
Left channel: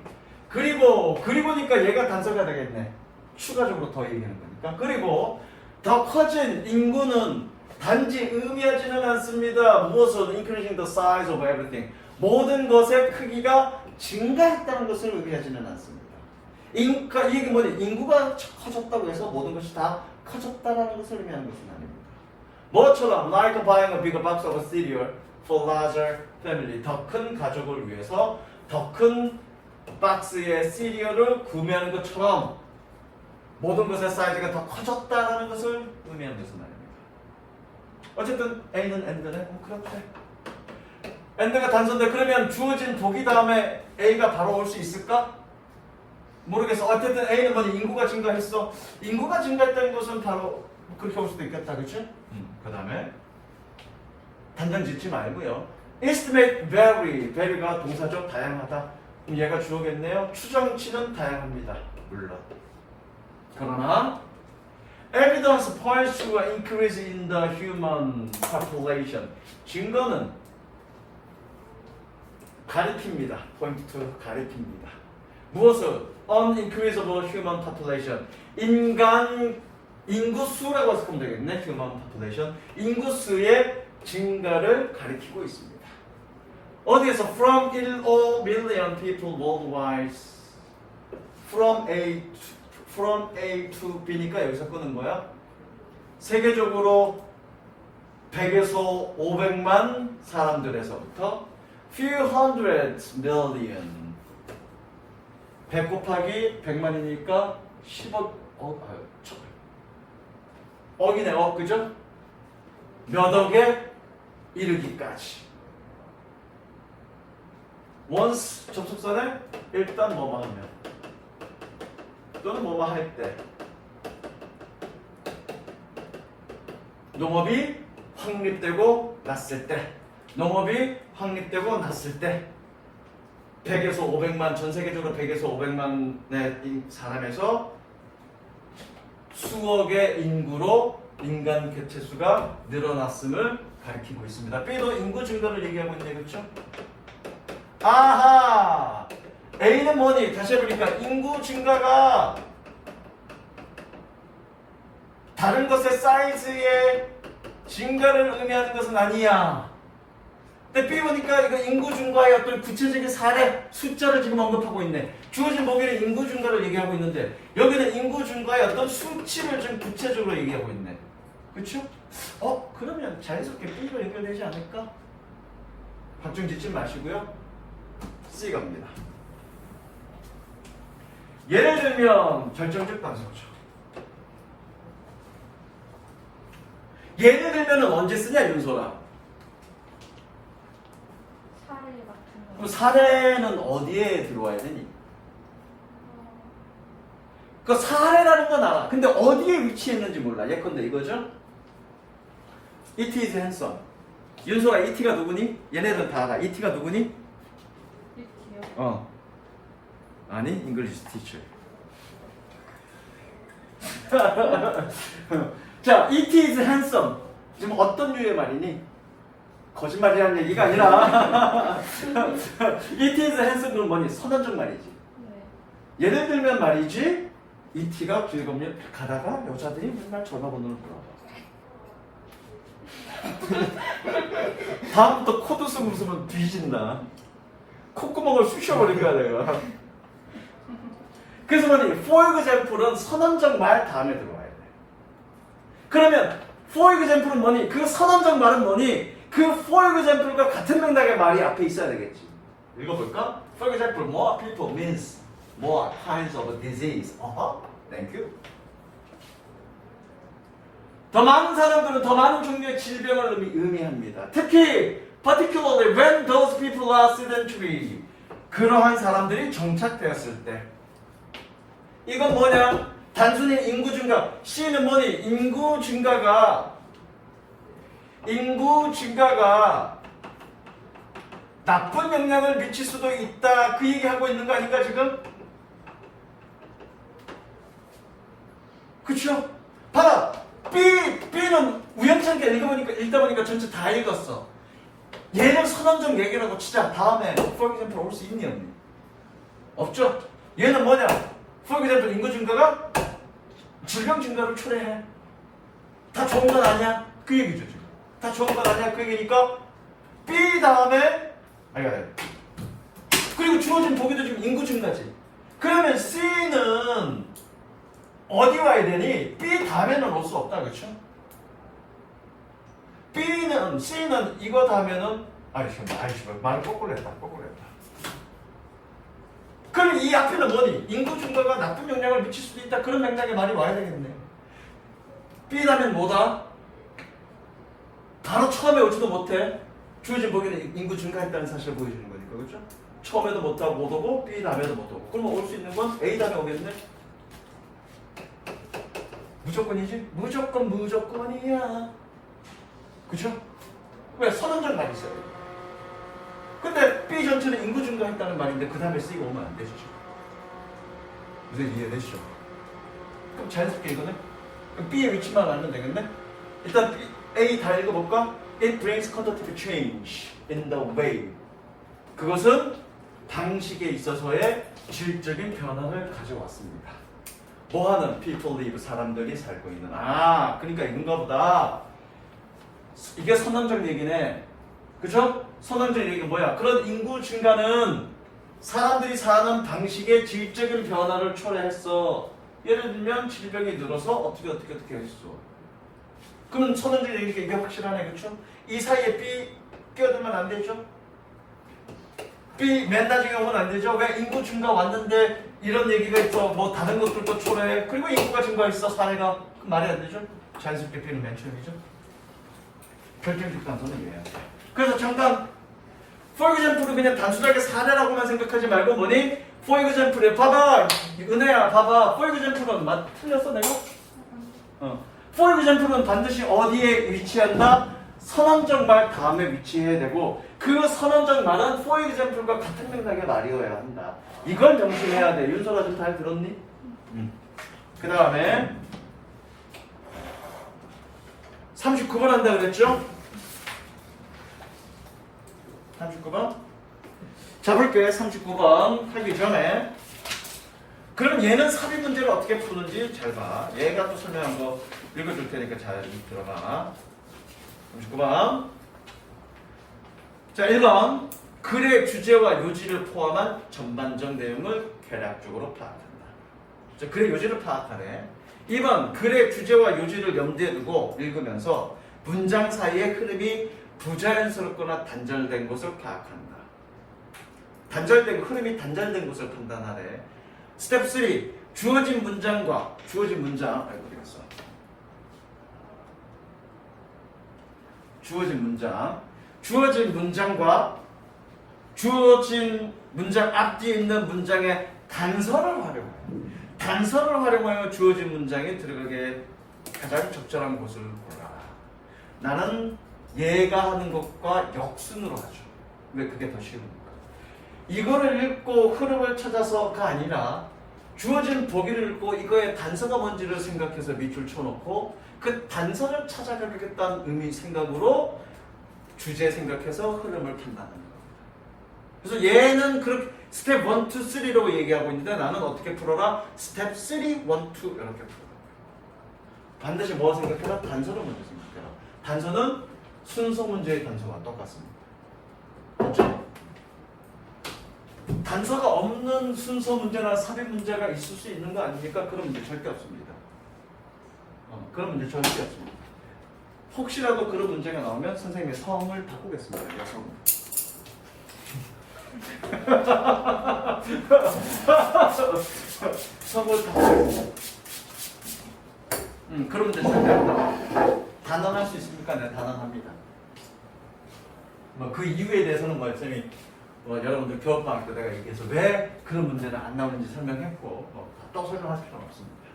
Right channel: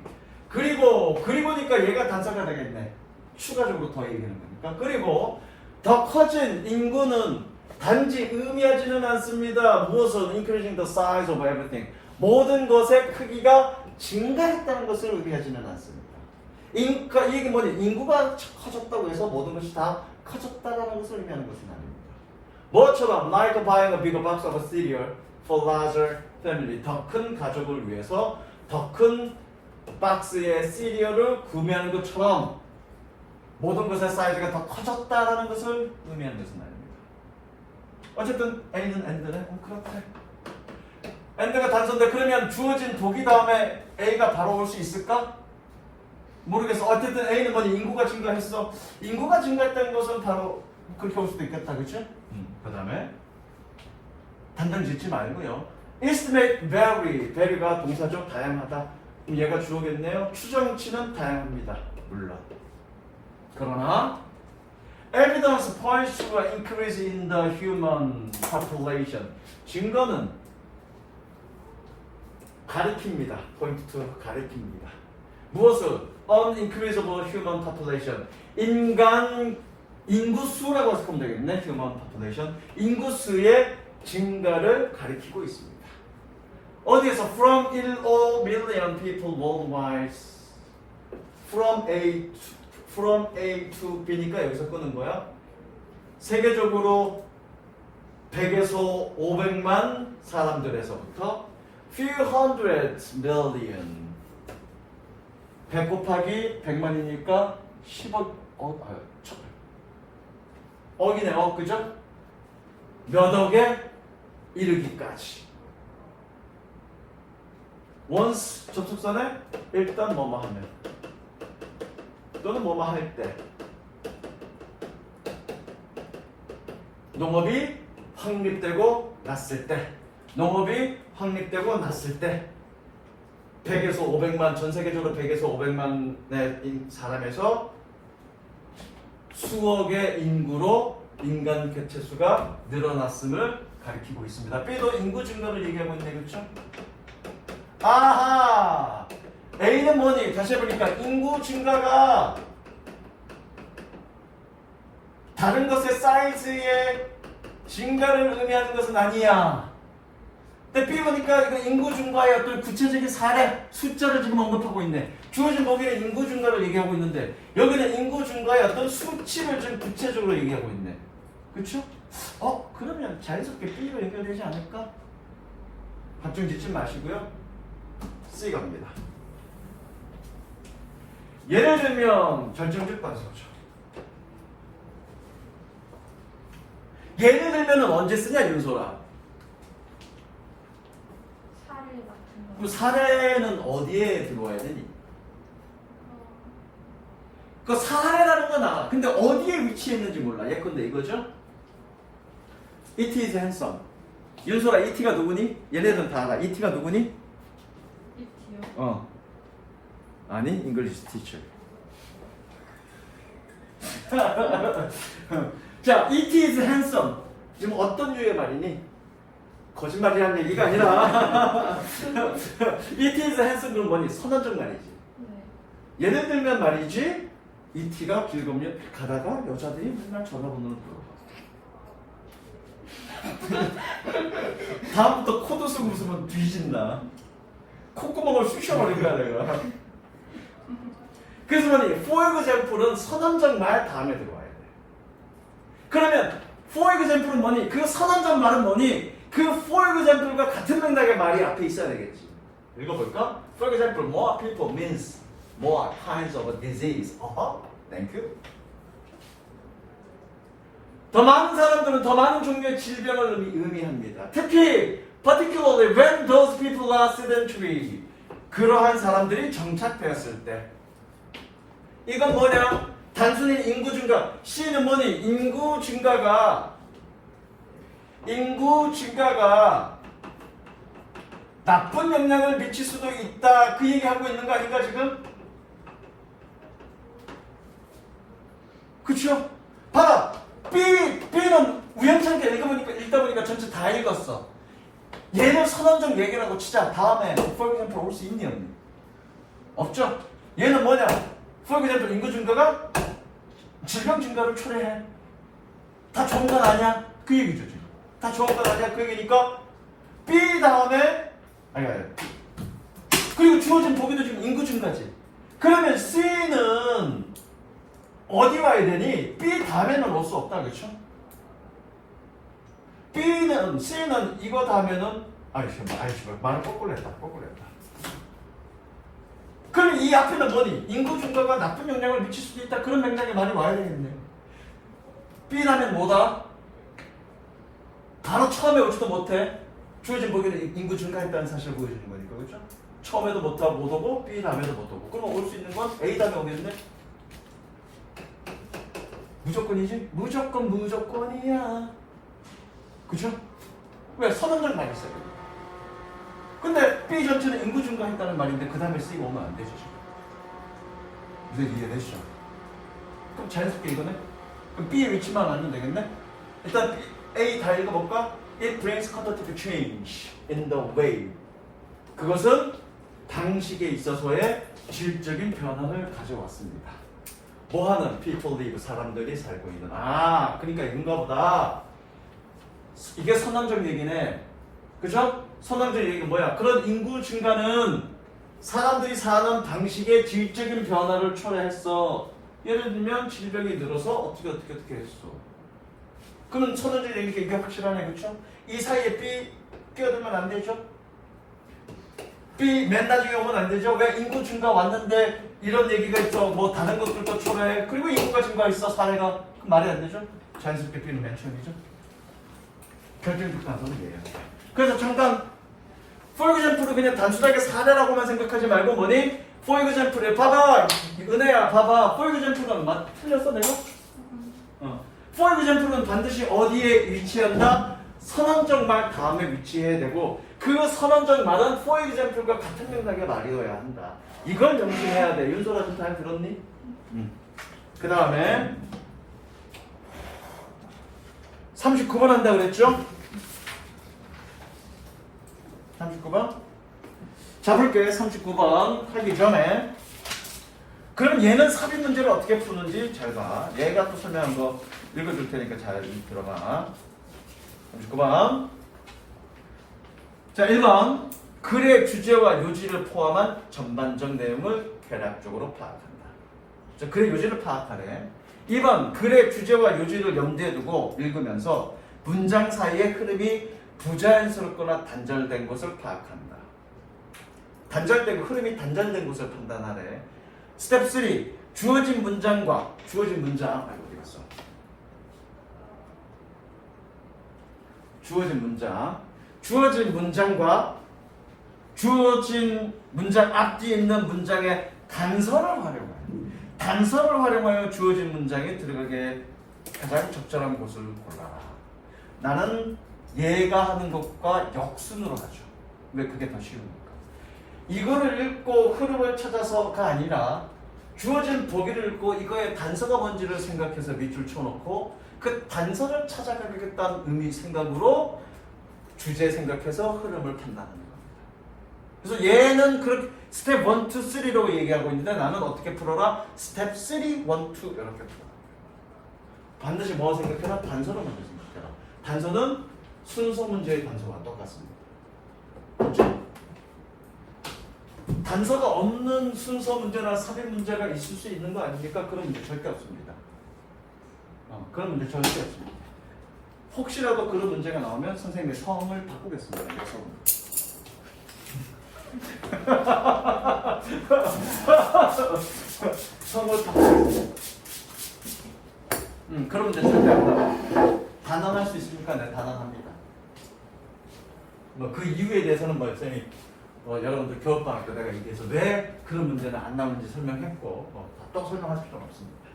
그리고니까 얘가 단서가 되겠네. 추가적으로 더 얘기하는 거니까. 그리고 더 커진 인구는 단지 의미하지는 않습니다. 무엇은 increasing the size of everything. 모든 것의 크기가 증가했다는 것을 의미하지는 않습니다. 이게 뭐니? 인구가 커졌다고 해서 모든 것이 다 커졌다라는 것을 의미하는 것은 아닙니다. 뭐처럼 like buying a bigger box of cereal for larger family. 더 큰 가족을 위해서 더 큰 박스의 시리얼을 구매하는 것처럼 모든 것의 사이즈가 더 커졌다라는 것을 의미하는 것은 아닙니다. 어쨌든 A는 AND네. 그렇대. AND가 단서인데 그러면 주어진 보기 다음에 A가 바로 올 수 있을까? 모르겠어. 어쨌든 A는 뭐니? 인구가 증가했어. 인구가 증가했다는 것은 바로 그렇게 올 수도 있겠다. 그렇죠? 그 다음에 단정 짓지 말고요. estimate vary. vary가 동사죠. 다양하다. 그럼 얘가 주어겠네요. 추정치는 다양합니다. 물론. 그러나 evidence points to an increase in the human population. 증거는 가리킵니다. point to 가리킵니다. 무엇을? an increase of human population. 인구수라고 해석하면 되겠네. human population. 인구수의 증가를 가리키고 있습니다. 어디에서? From 1 million people worldwide. From A to B니까 여기서 끄는 거야. 세계적으로 100에서 500만 사람들에서부터 few hundred million 100 곱하기 100만이니까 10억 억이네. 그죠? 몇 억에 이르기까지. once 접속사는 일단 뭐뭐 하면 또는 뭐뭐 할 때 농업이 확립되고 났을 때 농업이 확립되고 났을 때 100에서 500만 전 세계적으로 100에서 500만의 사람에서 수억의 인구로 인간 개체수가 늘어났음을 가리키고 있습니다. B도 인구 증가를 얘기하고 있네. 그렇죠? 아하! A는 뭐니? 다시 해보니까 인구 증가가 다른 것의 사이즈의 증가를 의미하는 것은 아니야. 근데 B 보니까 이거 인구 증가의 어떤 구체적인 사례, 숫자를 지금 언급하고 있네. 주어진 보기에는 인구 증가를 얘기하고 있는데 여기는 인구 증가의 어떤 수치를 좀 구체적으로 얘기하고 있네. 그렇죠? 그러면 자연스럽게 B로 연결되지 않을까? 걱정 짓지 마시고요. C 갑니다. 예를 들면 결정적 단서죠. 예를 들면 언제 쓰냐 윤소라? 사례 같은 거. 그럼 사례는 어디에 들어와야 되니? 그 사례라는 건 알아. 근데 어디에 위치했는지 몰라. 예컨대 이거죠? It is handsome. 윤소라 ET가 누구니? 얘네들은 다 알아. ET가 누구니? 이티요. 아니, English teacher. 자, it is handsome. 지금 어떤 류의 말이니? 거짓말이라는 얘기가 아니라 it is handsome은 뭐니? 선언적 말이지. 네. 예를 들면 말이지, ET가 즐거우면 가다가 여자들이 맨날 전화번호를 물어봐. 다음부터 코드 쓰고 웃으면 뒤진다. 콧구멍을 쑤셔버릴 거야 내가. 그래서 뭐니? for example은 선언적 말 다음에 들어와야 돼. 그러면 for example은 뭐니? 그 선언적 말은 뭐니? 그 for example과 같은 맥락의 말이 앞에 있어야 되겠지. 읽어볼까? For example, more people means more kinds of disease. Thank you. 더 많은 사람들은 더 많은 종류의 질병을 의미합니다. 특히 particularly when those people are sedentary. 그러한 사람들이 정착되었을 때. 이건 뭐냐? 단순히 인구 증가. C는 뭐니? 인구 증가가 나쁜 영향을 미칠 수도 있다. 그 얘기하고 있는 거 아닌가 지금? 그쵸? 봐라. B는 우연찮게 읽다 보니까 전체 다 읽었어. 얘는 선언적 얘기라고 치자. 다음에 for example 올 수 있니 없니? 없죠? 얘는 뭐냐? for example 인구 증가가 질병 증가를 초래해. 다 좋은 건 아니야? 그 얘기죠 지금. 다 좋은 건 아니야? 그 얘기니까 B 다음에 아니 그리고 주어진 보기도 지금 인구 증가지. 그러면 C는 어디 와야 되니? B 다음에는 올 수 없다. 그렇죠? C는 이거 다음에는 말을 거꾸로 했다. 그럼 이 앞에는 뭐니? 인구 증가가 나쁜 영향을 미칠 수도 있다. 그런 맥락의 말이 와야 되겠네요. B 다음엔 뭐다? 바로 처음에 오지도 못해. 주어진 보기는 인구 증가했다는 사실을 보여주는 거니까, 그렇죠? 처음에도 못 오고 B 다음에도 못 오고. 그러면 올 수 있는 건 A 다음에 오겠네. 무조건이지? 무조건이야. 그쵸? 왜? 선언적 말이 있어요. 근데 B 전체는 인구 증가했다는 말인데 그 다음에 C가 오면 안 되죠. 무슨 이해되시죠? 그럼 자연스럽게 이거는 그럼 B의 위치만 알면 되겠네? 일단 A 다 읽어볼까? It brings quantitative change in the way. 그것은 방식에 있어서의 질적인 변화를 가져왔습니다. 뭐하는? People live. 사람들이 살고 있는. 아, 그러니까 이건가 보다. 이게 선언적 얘기네. 그죠? 선언적 얘기가 뭐야? 그런 인구 증가는 사람들이 사는 방식의 질적인 변화를 초래했어. 예를 들면 질병이 늘어서 어떻게 했어. 그러면 선언적 얘기가 이게 확실하네. 그렇죠? 이 사이에 B 끼어들면 안 되죠? B 맨 나중에 오면 안 되죠? 왜 인구 증가 왔는데 이런 얘기가 있어. 뭐 다른 것들도 초래해. 그리고 인구가 증가했어. 사회가. 그럼 말이 안 되죠? 자연스럽게 B는 맨 처음이죠? 결정적 단서는 얘예요. 그래서 잠깐 for example을 그냥 단순하게 사례라고만 생각하지 말고 뭐니? for example에 봐봐. 은혜야 봐봐. for example은 틀렸어 내가? for example은 반드시 어디에 위치한다? 선언적 말 다음에 위치해야 되고 그 선언적 말은 for example과 같은 맥락의 말이어야 한다. 이걸 명심해야 돼. 윤서가 좀 잘 들었니? 그 다음에 39번 한다 그랬죠? 39번 잡을게. 39번 하기 전에 그럼 얘는 삽입 문제를 어떻게 푸는지 잘 봐. 얘가 또 설명한 거 읽어줄 테니까 잘 들어가. 39번 자 1번 글의 주제와 요지를 포함한 전반적 내용을 개략적으로 파악한다. 자, 글의 요지를 파악하네. 2번 글의 주제와 요지를 염두에 두고 읽으면서 문장 사이의 흐름이 부자연스럽거나 단절된 것을 파악한다. 흐름이 단절된 것을 판단하래. 스텝 3 주어진 문장과 주어진 문장 어디 갔어? 주어진 문장과 주어진 문장 앞뒤에 있는 문장의 단서를 활용하여 주어진 문장에 들어가게 가장 적절한 곳을 골라라. 나는 얘가 하는 것과 역순으로 하죠. 왜 그게 더 쉬우니까. 이거를 읽고 흐름을 찾아서가 아니라 주어진 보기를 읽고 이거의 단서가 뭔지를 생각해서 밑줄 쳐놓고 그 단서를 찾아가겠다는 의미 생각으로 주제 생각해서 흐름을 판단하는 겁니다. 그래서 얘는 그렇게 스텝 1, 2, 3로 얘기하고 있는데 나는 어떻게 풀어라? 스텝 3, 1, 2 이렇게 풀어라. 반드시 뭐 생각해라? 단서를 먼저 생각해라. 단서는 순서 문제의 단서와 똑같습니다. 그렇죠? 단서가 없는 순서 문제나 삽입 문제가 있을 수 있는 거 아닙니까? 그런 문제 절대 없습니다. 그런 문제 절대 없습니다. 혹시라도 그런 문제가 나오면 선생님의 성을 바꾸겠습니다. 여성으로. 성을 바꾸겠습니다. 그런 문제 절대 안 나와요. 단언할 수 있습니까? 네, 단언합니다. 그 이유에 대해서는 쌤이 여러분들 교업방학 때 내가 얘기해서 왜 그런 문제는 안 나오는지 설명했고 또 설명할 필요는 없습니다.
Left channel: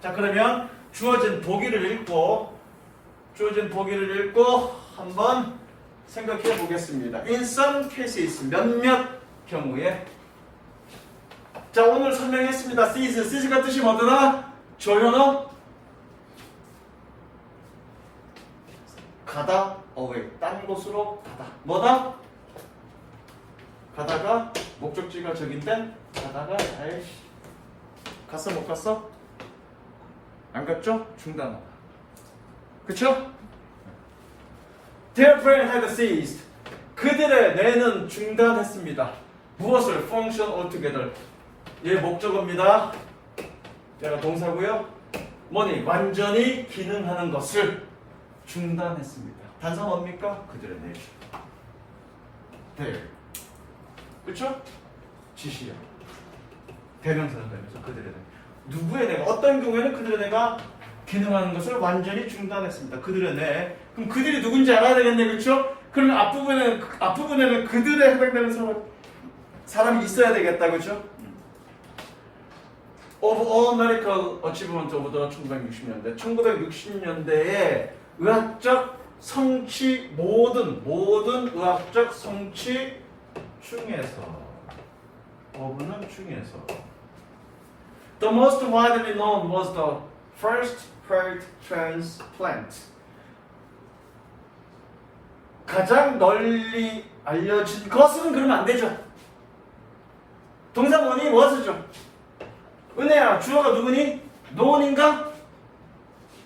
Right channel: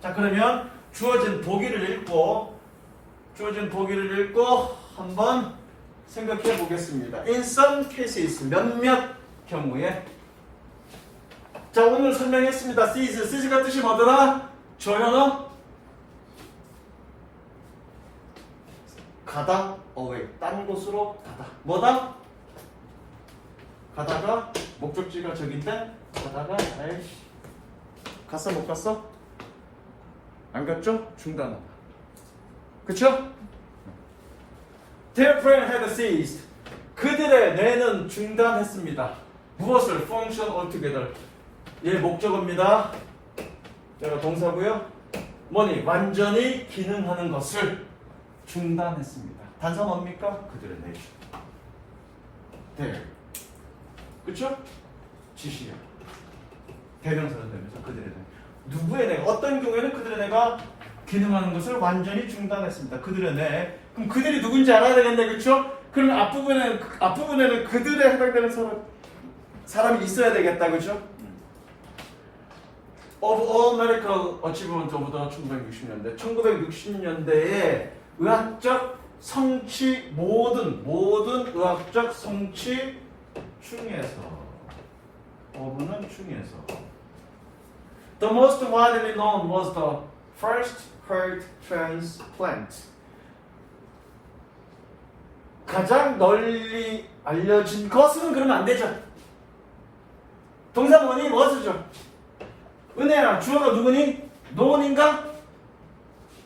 자, 그러면 주어진 보기를 읽고 한번 생각해 보겠습니다. In some cases 몇몇 경우에 자, 오늘 설명했습니다. Cease가 뜻이 뭐더라? 조현어 가다 away 딴 곳으로 가다. 뭐다? 가다가 목적지가 저긴데 가다가 에이씨 갔어 못 갔어? 안 갔죠? 중단하다. 그쵸? Their brain had ceased. 그들의 뇌는 중단했습니다. 무엇을? Function altogether. 얘 목적어입니다. 얘가 동사고요. 뭐니? 완전히 기능하는 것을 중단했습니다. 단서 뭡니까? 그들의 뇌. Their. 그쵸? 지시야. 대명사는 되면서 그들의 뇌. 누구의 뇌가? 어떤 경우에는 그들의 뇌가 기능하는 것을 완전히 중단했습니다. 그들의 뇌. 그럼 그들이 누군지 알아야 되겠네, 그렇죠? 그럼 앞부분에는 그들에 해당되는 사람이 있어야 되겠다, 그렇죠? Of all medical achievement of the 1960년대. 1960년대에 의학적 성취 모든 의학적 성취 중에서 어부는 중에서 The most widely known was the first heart transplant. 가장 널리 알려진 것은 그러면 안 되죠. 동사 뭐니? was죠. 은혜야, 주어가 누구니? 노원인가?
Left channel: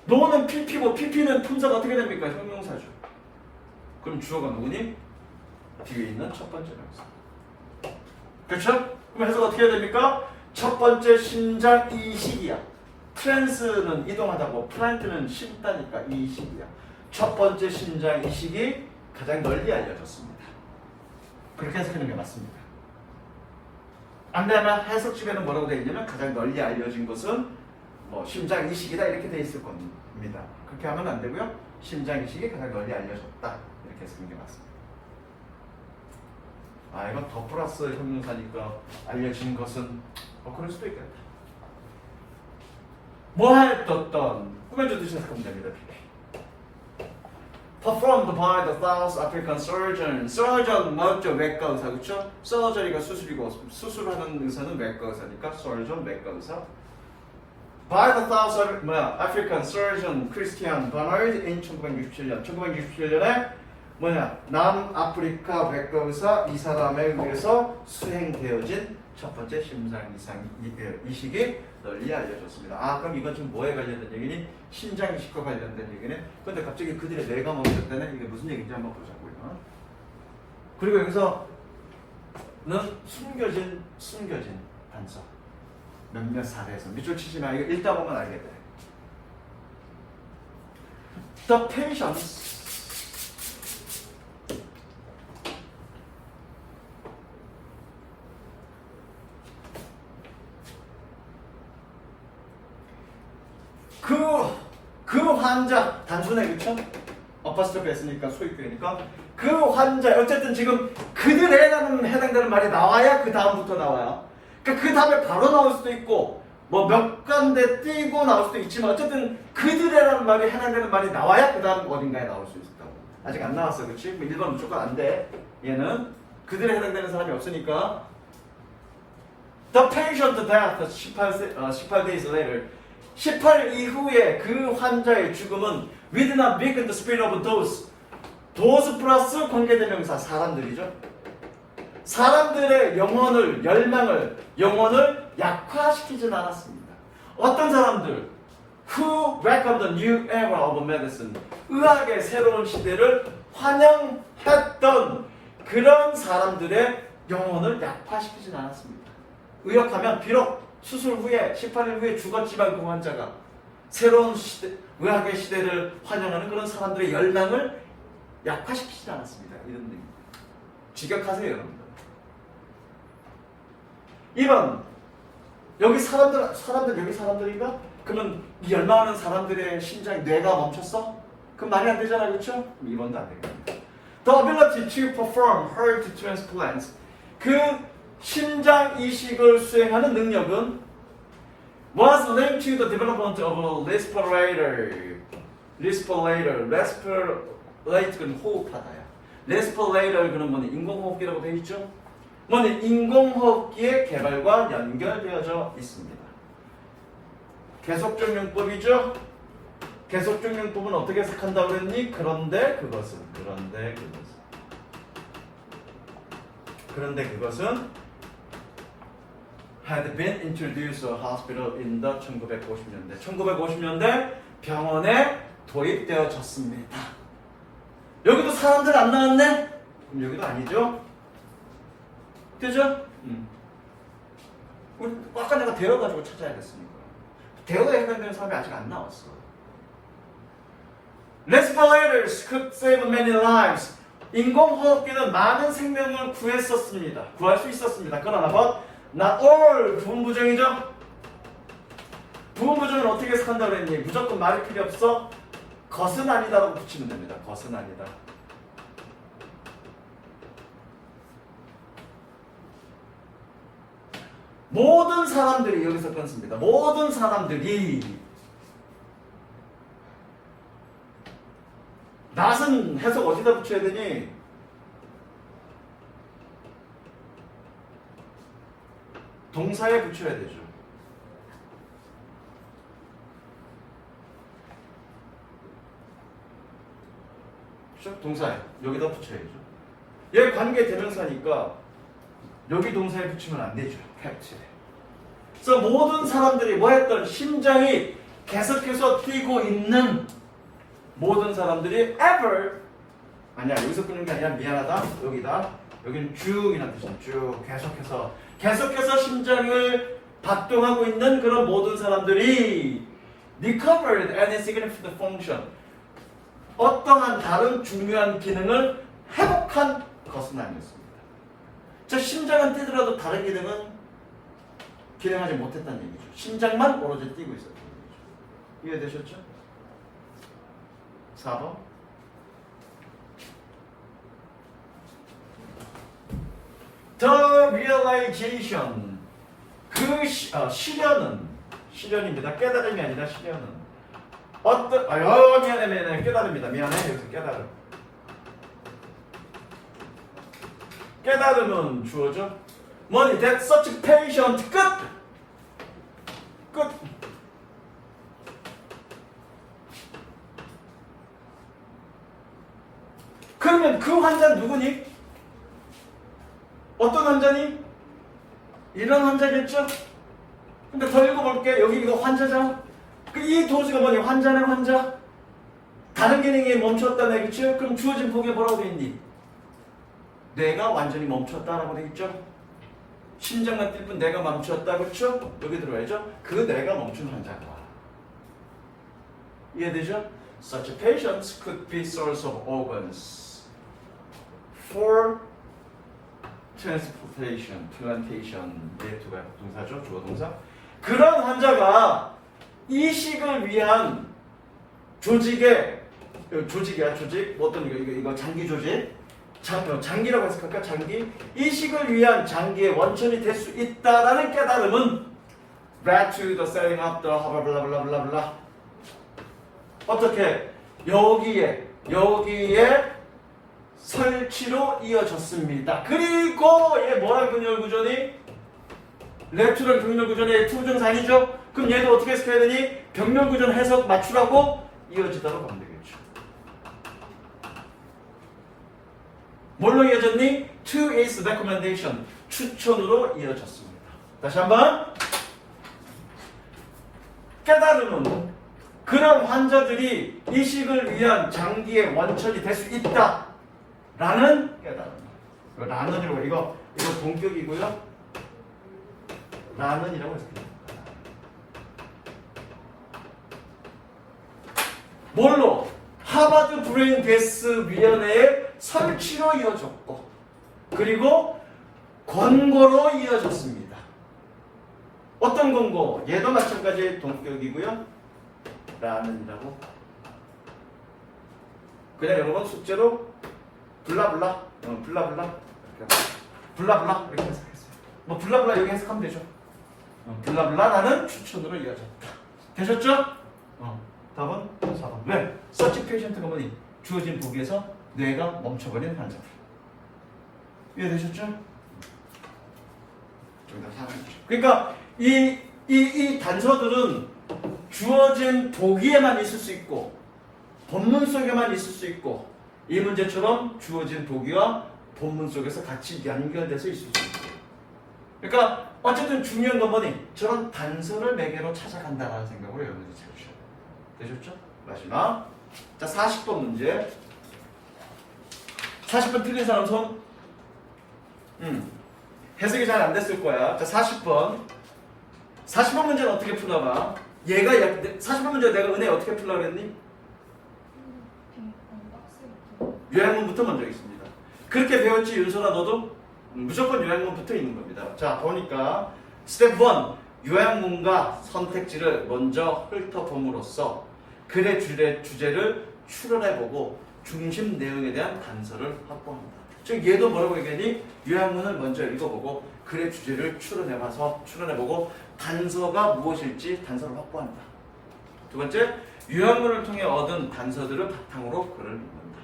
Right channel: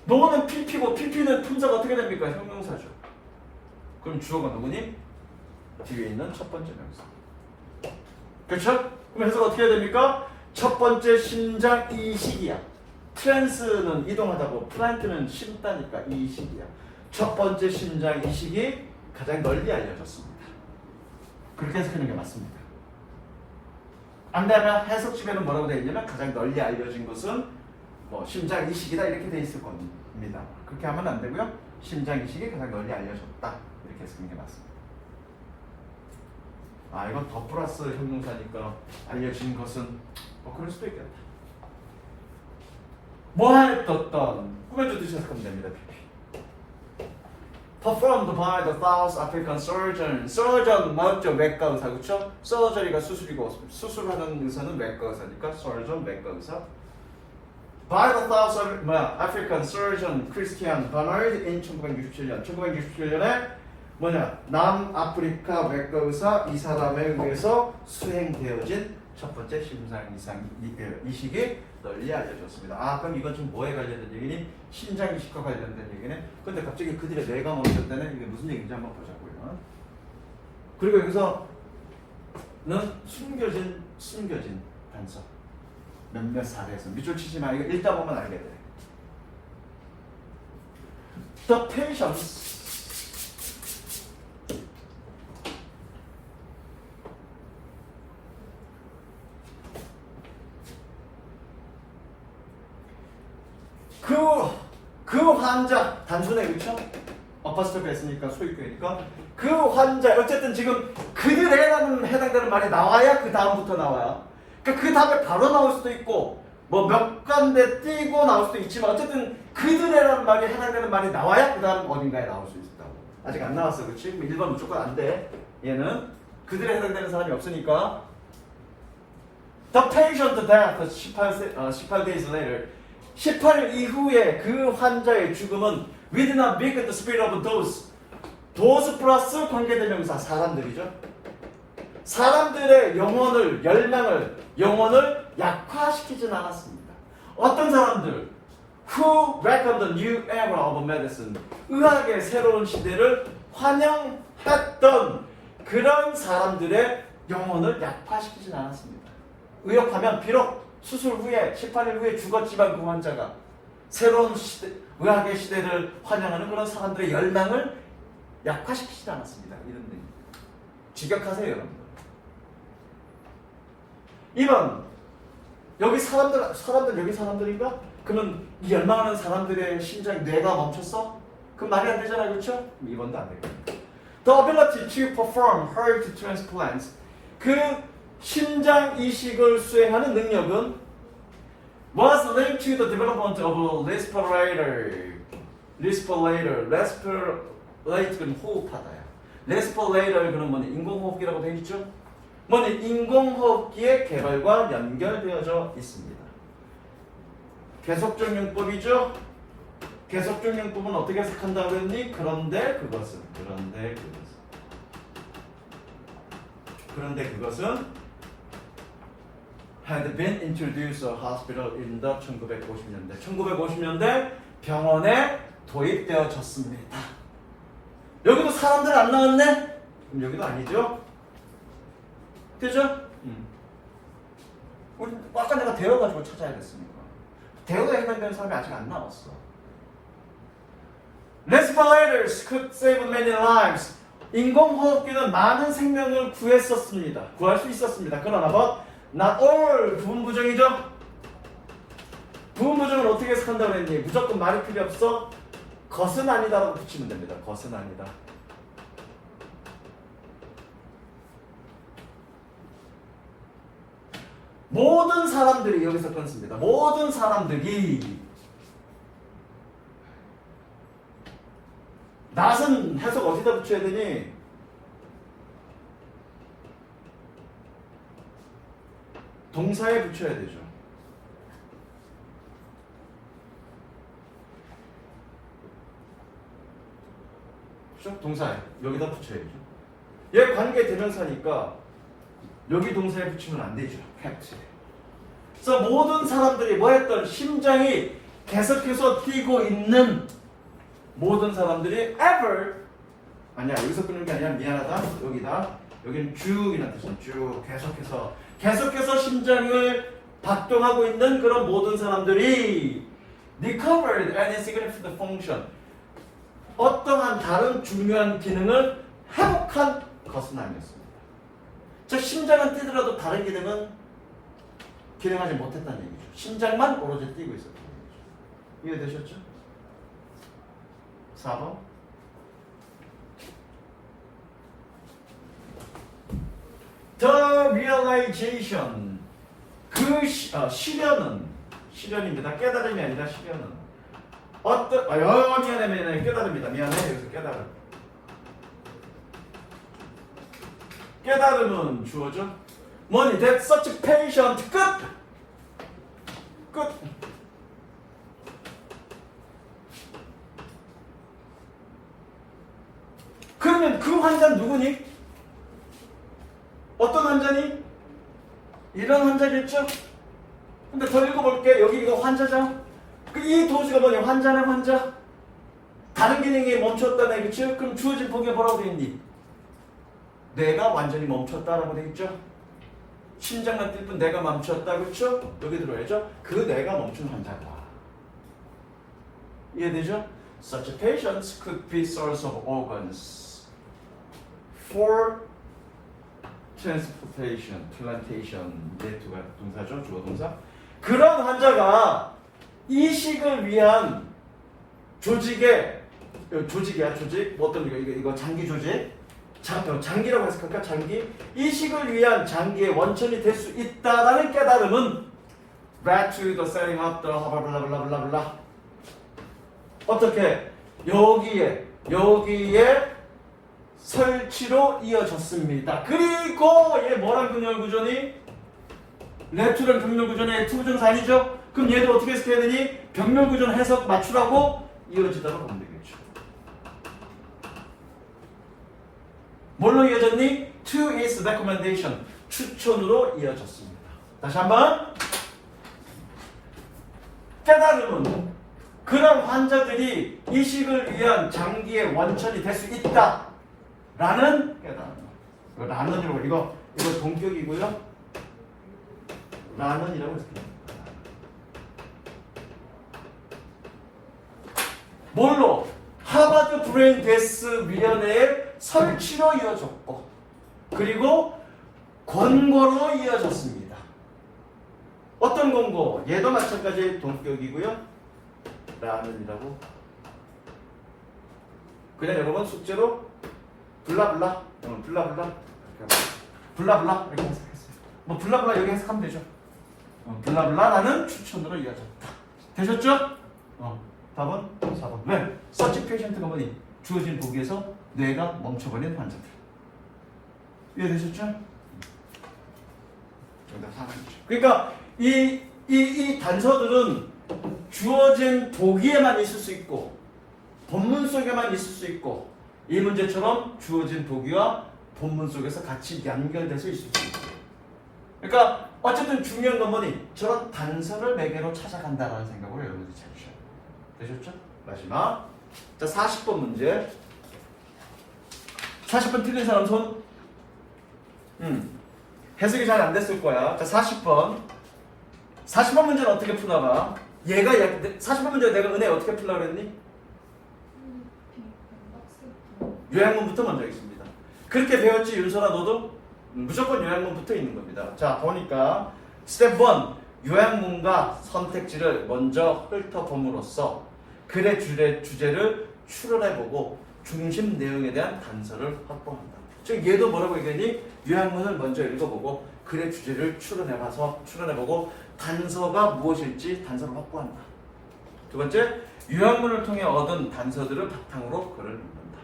노원은 PP고 PP는 품사가 어떻게 됩니까? 형용사죠. 그럼 주어가 누구니? 뒤에 있는 첫 번째 명사. 그렇죠? 그럼 해석 어떻게 해야 됩니까? 첫 번째 심장 이식이야. 트랜스는 이동하다고 플란트는 심다니까 이식이야. 첫 번째 심장 이식이 가장 널리 알려졌습니다. 그렇게 해석하는 게 맞습니다. 안 되면 해석집에는 뭐라고 되어 있냐면 가장 널리 알려진 것은 뭐 심장 이식이다 이렇게 되어 있을 겁니다. 그렇게 하면 안 되고요. 심장 이식이 가장 널리 알려졌다 이렇게 해석하는 게 맞습니다. 아, 이건 더 플러스 형용사니까 알려진 것은 그럴 수도 있겠다. 뭐 했던 꾸며주듯이 해석하면 됩니다. Performed by the South African surgeon. surgeon 맞죠? 외과 의사, 그렇죠? surgery가 수술이고 수술하는 의사는 외과 의사니까 surgeon 외과 의사. By the South African surgeon Christian Barnard in 1967년. 1967년에 남아프리카 외과 의사 이 사람에 의해서 수행되어진 첫 번째 심장 이식이 널리 알려졌습니다. 아, 그럼 이건 지금 뭐에 관련된 얘기니? 심장 이식과 관련된 얘기네. 그런데 갑자기 그들의 뇌가 멈췄다네. 이게 무슨 얘기인지 한번 보자고요. 그리고 여기서는 숨겨진 단서. 몇몇 사례에서 밑줄 치지 마. 이거 읽다 보면 알게 돼. The patients 그 환자 단순해, 그쵸? 어퍼스트로피 했으니까 소유격이니까 그 환자 어쨌든 지금 그들에라는 해당되는 말이 나와야 그 다음부터 나와요. 그러니까 그 다음에 바로 나올 수도 있고 뭐 몇 간데 띄고 나올 수도 있지만 어쨌든 그들에라는 말이 해당되는 말이 나와야 그 다음 어딘가에 나올 수 있다고. 아직 안 나왔어, 그치? 1번 무조건 안 돼. 얘는 그들에 해당되는 사람이 없으니까 The patient death 18 days later 18일 이후에 그 환자의 죽음은 within a week the spirit of those 플러스 관계대명사 사람들이죠. 사람들의 영혼을 약화시키진 않았습니다. 어떤 사람들? Who welcomed the new era of medicine. 의학의 새로운 시대를 환영했던 그런 사람들의 영혼을 약화시키진 않았습니다. 의역하면 비록 수술 후에 18일 후에 죽었지만 그 환자가 새로운 시대, 의학의 시대를 환영하는 그런 사람들의 열망을 약화시키지 않았습니다. 이런 얘기. 직역하세요, 여러분. 2번 여기 사람들 여기 사람들인가? 그러면 이 열망하는 사람들의 심장 뇌가 멈췄어? 그럼 말이 안 되잖아요, 그렇죠? 2번도 안 되겠다. The ability to perform heart transplants. 그 심장 이식을 수행하는 능력은 was linked to the development of a respirator. respirate는 호흡하다야. respirator 그는 뭐니? 인공호흡기라고 되어 있죠? 뭐니? 인공호흡기의 개발과 연결되어져 있습니다. 계속적 용법이죠? 계속적 용법은 어떻게 해석한다고 했니? 그런데 그것은 had been introduced to a hospital in the 1950년대. 1950년대 병원에 도입되어졌습니다. 여기도 사람들 안 나왔네? 그럼 여기도 아니죠? 그죠? 우리 아까 내가 대어가지고 찾아야겠습니다. 대어에 해당되는 사람이 아직 안 나왔어. Respirators could save many lives. 인공호흡기는 많은 생명을 구했었습니다. 구할 수 있었습니다. 그러나 but not all 부분 부정이죠. 부분부정을 어떻게 해석한다고 했니? 무조건 말이 필요 없어. 것은 아니다라고 붙이면 됩니다. 것은 아니다. 모든 사람들이 여기서 끊습니다. 모든 사람들이 낫은 해석 어디다 붙여야 되니? 동사에 붙여야 되죠. 그렇죠? 동사에 여기다 붙여야죠. 얘 관계 대명사니까 여기 동사에 붙이면 안 되죠. 팩트. 그래서 모든 사람들이 뭐 했던 심장이 계속해서 뛰고 있는 모든 사람들이 ever 아니야 여기서 끊는 게 아니라 미안하다 여기다 여기는 쭉이라는 뜻이야. 쭉 계속해서 심장을 발동하고 있는 그런 모든 사람들이 recovered any significant function 어떠한 다른 중요한 기능을 회복한 것은 아니었습니다. 즉 심장은 뛰더라도 다른 기능은 기능하지 못했다는 얘기죠. 심장만 오로지 뛰고 있었던 얘기죠. 이해되셨죠? 4번 The realization 그 실현입니다. 깨달음이 아니라 실현은 어떤 미안해 깨달음입니다. 미안해 여기서 깨달음은 주어죠. 뭐니 that such patient 끝. 그러면 그 환자는 누구니? 어떤 환자니? 이런 환자겠죠? 근데 더 읽어볼게. 여기 이거 환자잖아. 이 도수가 뭐냐? 환자네 환자. 다른 기능이 멈췄다네. 그쵸? 그럼 주어진 보기에 뭐라고 되어 있니? 내가 완전히 멈췄다라고 되어 있죠? 심장만 뛸 뿐 내가 멈췄다. 그쵸? 여기 들어야죠? 그 내가 멈춘 환자다. 이해되죠? Such patients could be source of organs for transportation, plantation, 네트가 동사죠, 주어 동사. 그런 환자가 이식을 위한 조직이야, 조직. 뭐 어떤 이거 장기 조직, 장기라고 해석할까? 장기. 이식을 위한 장기의 원천이 될 수 있다라는 깨달음은 led to the setting up the 블라블라블라블라. 어떻게 여기에 설치로 이어졌습니다. 그리고 얘 뭐랑 병렬 구조니? 레투랑 병렬 구조니 투부정사 아니죠? 그럼 얘도 어떻게 해석해야 되니? 병렬 구조는 해석 맞추라고 이어지도록 하면 되겠죠. 뭘로 이어졌니? To his recommendation. 추천으로 이어졌습니다. 다시 한번. 깨달음은 그런 환자들이 이식을 위한 장기의 원천이 될 수 있다. 라는 깨달음. 라는이라고 이거 동격이고요. 라는이라고 해석해요. 뭘로? 하버드 브레인 데스 위원회의 설치로 이어졌고 그리고 권고로 이어졌습니다. 어떤 권고? 얘도 마찬가지 동격이고요. 라는이라고. 그냥 여러분 숙제로 블라블라 블라블라 이렇게 해석했어요. 뭐 블라블라 여기 해석하면 되죠. 블라블라라는 추천으로 이어졌다. 되셨죠? 답은 4번. 왜? 서치 페이션트가 뭐니? 주어진 보기에서 뇌가 멈춰버린 환자들. 이해되셨죠? 정답 4번이죠. 그러니까 이 단서들은 주어진 보기에만 있을 수 있고 본문 속에만 있을 수 있고 이 문제처럼 주어진 보기와 본문 속에서 같이 연결돼서 있을 수 있어요. 그러니까 어쨌든 중요한 건 뭐니? 저런 단서를 매개로 찾아간다라는 생각으로 여러분들이 찾으셔야 돼요. 되셨죠? 마지막. 자, 40번 문제. 40번 틀린 사람 손. 해석이 잘 안 됐을 거야. 자, 40번. 40번 문제는 어떻게 풀어봐? 40번 문제 내가 은혜 어떻게 풀려고 그랬니? 요약문부터 먼저 하겠습니다. 그렇게 배웠지 윤설아 너도? 무조건 요약문부터 있는 겁니다. 자 보니까 스텝 1 요약문과 선택지를 먼저 훑어봄으로써 글의 주제를 추론해보고 중심 내용에 대한 단서를 확보합니다. 즉 얘도 뭐라고 얘기하니? 요약문을 먼저 읽어보고 글의 주제를 추론해보고 단서가 무엇일지 단서를 확보한다. 두 번째, 요약문을 통해 얻은 단서들을 바탕으로 글을 읽는다.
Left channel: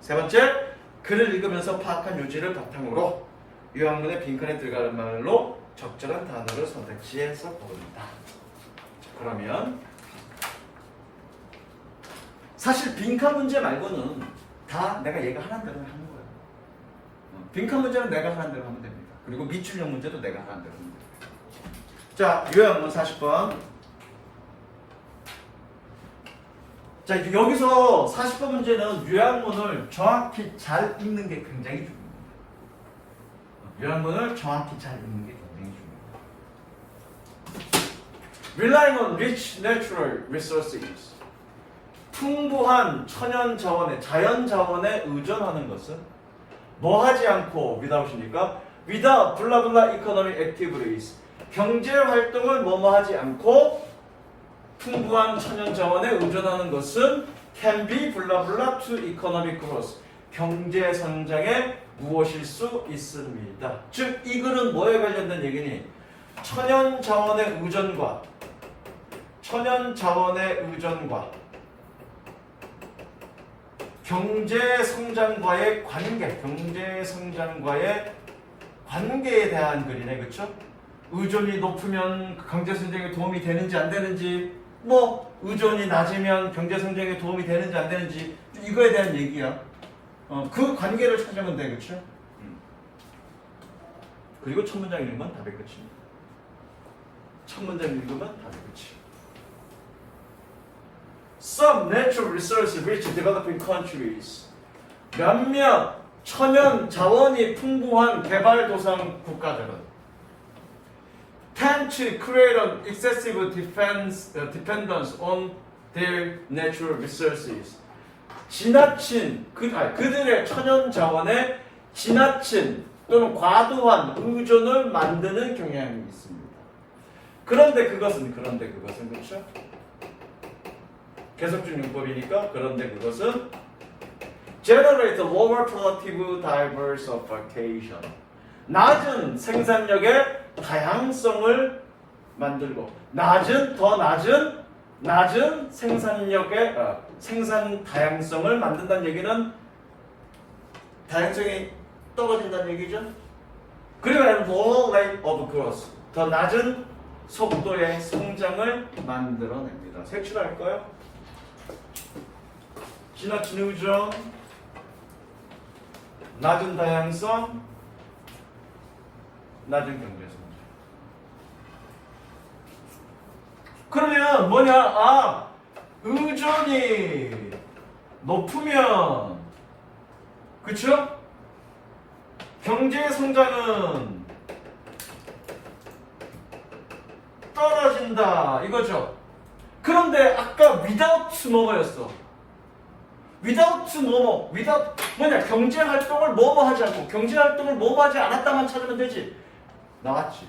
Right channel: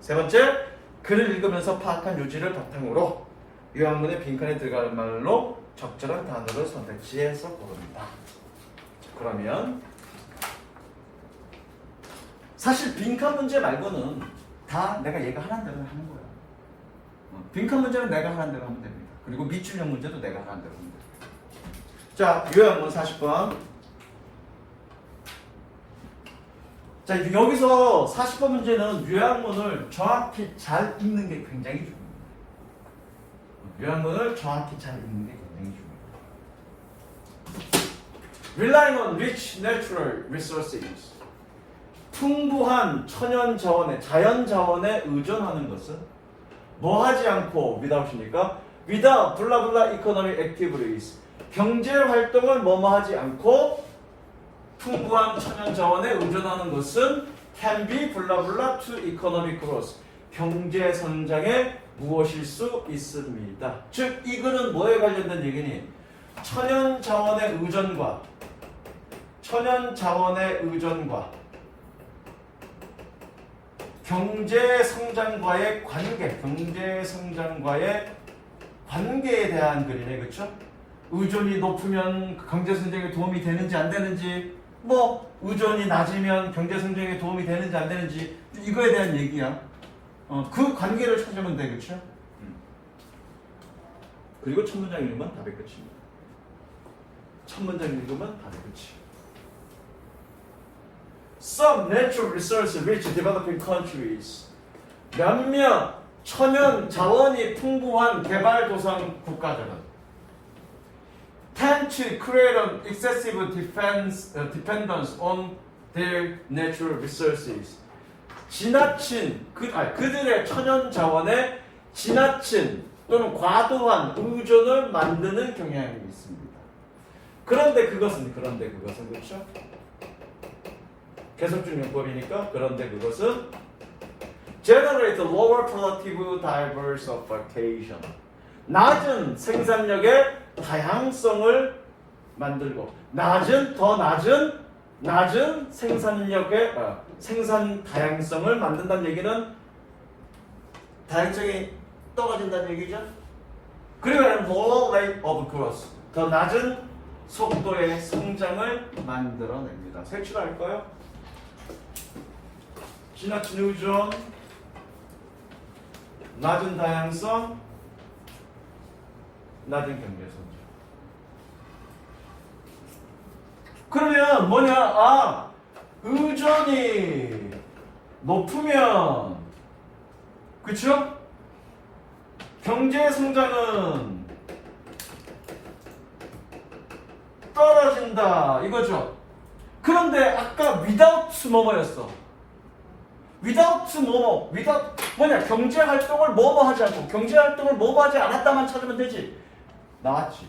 세 번째, 글을 읽으면서 파악한 요지를 바탕으로 요약문의 빈칸에 들어갈 말로 적절한 단어를 선택지에서 고릅니다. 그러면 사실 빈칸 문제 말고는 다 내가 얘가 하라는 대로 하는 거예요. 빈칸 문제는 내가 하라는 대로 하면 됩니다. 그리고 밑줄형 문제도 내가 하라는 대로 하면 됩니다. 자, 요약문 40번. 자, 여기서 40번 문제는 요약문을 정확히 잘 읽는 게 굉장히 중요합니다. 요약문을 정확히 잘 읽는 게 굉장히 중요합니다. Relying on rich natural resources. 풍부한 천연 자원에, 자연 자원에 의존하는 것은 뭐 하지 않고 without이니까 without 블라블라 economic activities. 경제 활동을 뭐뭐 하지 않고 풍부한 천연 자원에 의존하는 것은 can be 블라블라 to economic growth. 경제 성장에 무엇일 수 있습니다. 즉, 이 글은 뭐에 관련된 얘기니? 천연 자원의 의존과 경제 성장과의 관계에 대한 글이네, 그렇죠? 의존이 높으면 경제 성장에 도움이 되는지 안 되는지, 뭐 의존이 낮으면 경제 성장에 도움이 되는지 안 되는지, 이거에 대한 얘기야. 그 관계를 찾으면 돼, 그렇죠? 그리고 첫 문장 읽으면 답의 끝입니다. 첫 문장 읽으면 답의 끝이에요. Some natural resources rich developing countries. 몇몇 천연 자원이 풍부한 개발도상 국가들은 tend to create an excessive dependence on their natural resources. 그들의 천연 자원에 지나친 또는 과도한 의존을 만드는 경향이 있습니다. 그런데 그것은 그렇죠? 계속적 용법이니까 그런데 그것은 generate lower productive diversification. 낮은 생산력의 다양성을 만들고 더 낮은 생산력의 생산 다양성을 만든다는 얘기는 다양성이 떨어진다는 얘기죠. 그리고 lower rate of growth. 더 낮은 속도의 성장을 만들어냅니다. 색칠할까요? 지나친 의존, 낮은 다양성, 낮은 경제성장. 그러면 뭐냐? 의존이 높으면, 그쵸? 경제성장은 떨어진다, 이거죠. 그런데 아까 without 뭐뭐였어? without 뭐냐? 경제 활동을 뭐뭐 하지 않고, 경제 활동을 뭐뭐 하지 않았다만 찾으면 되지. 나왔지.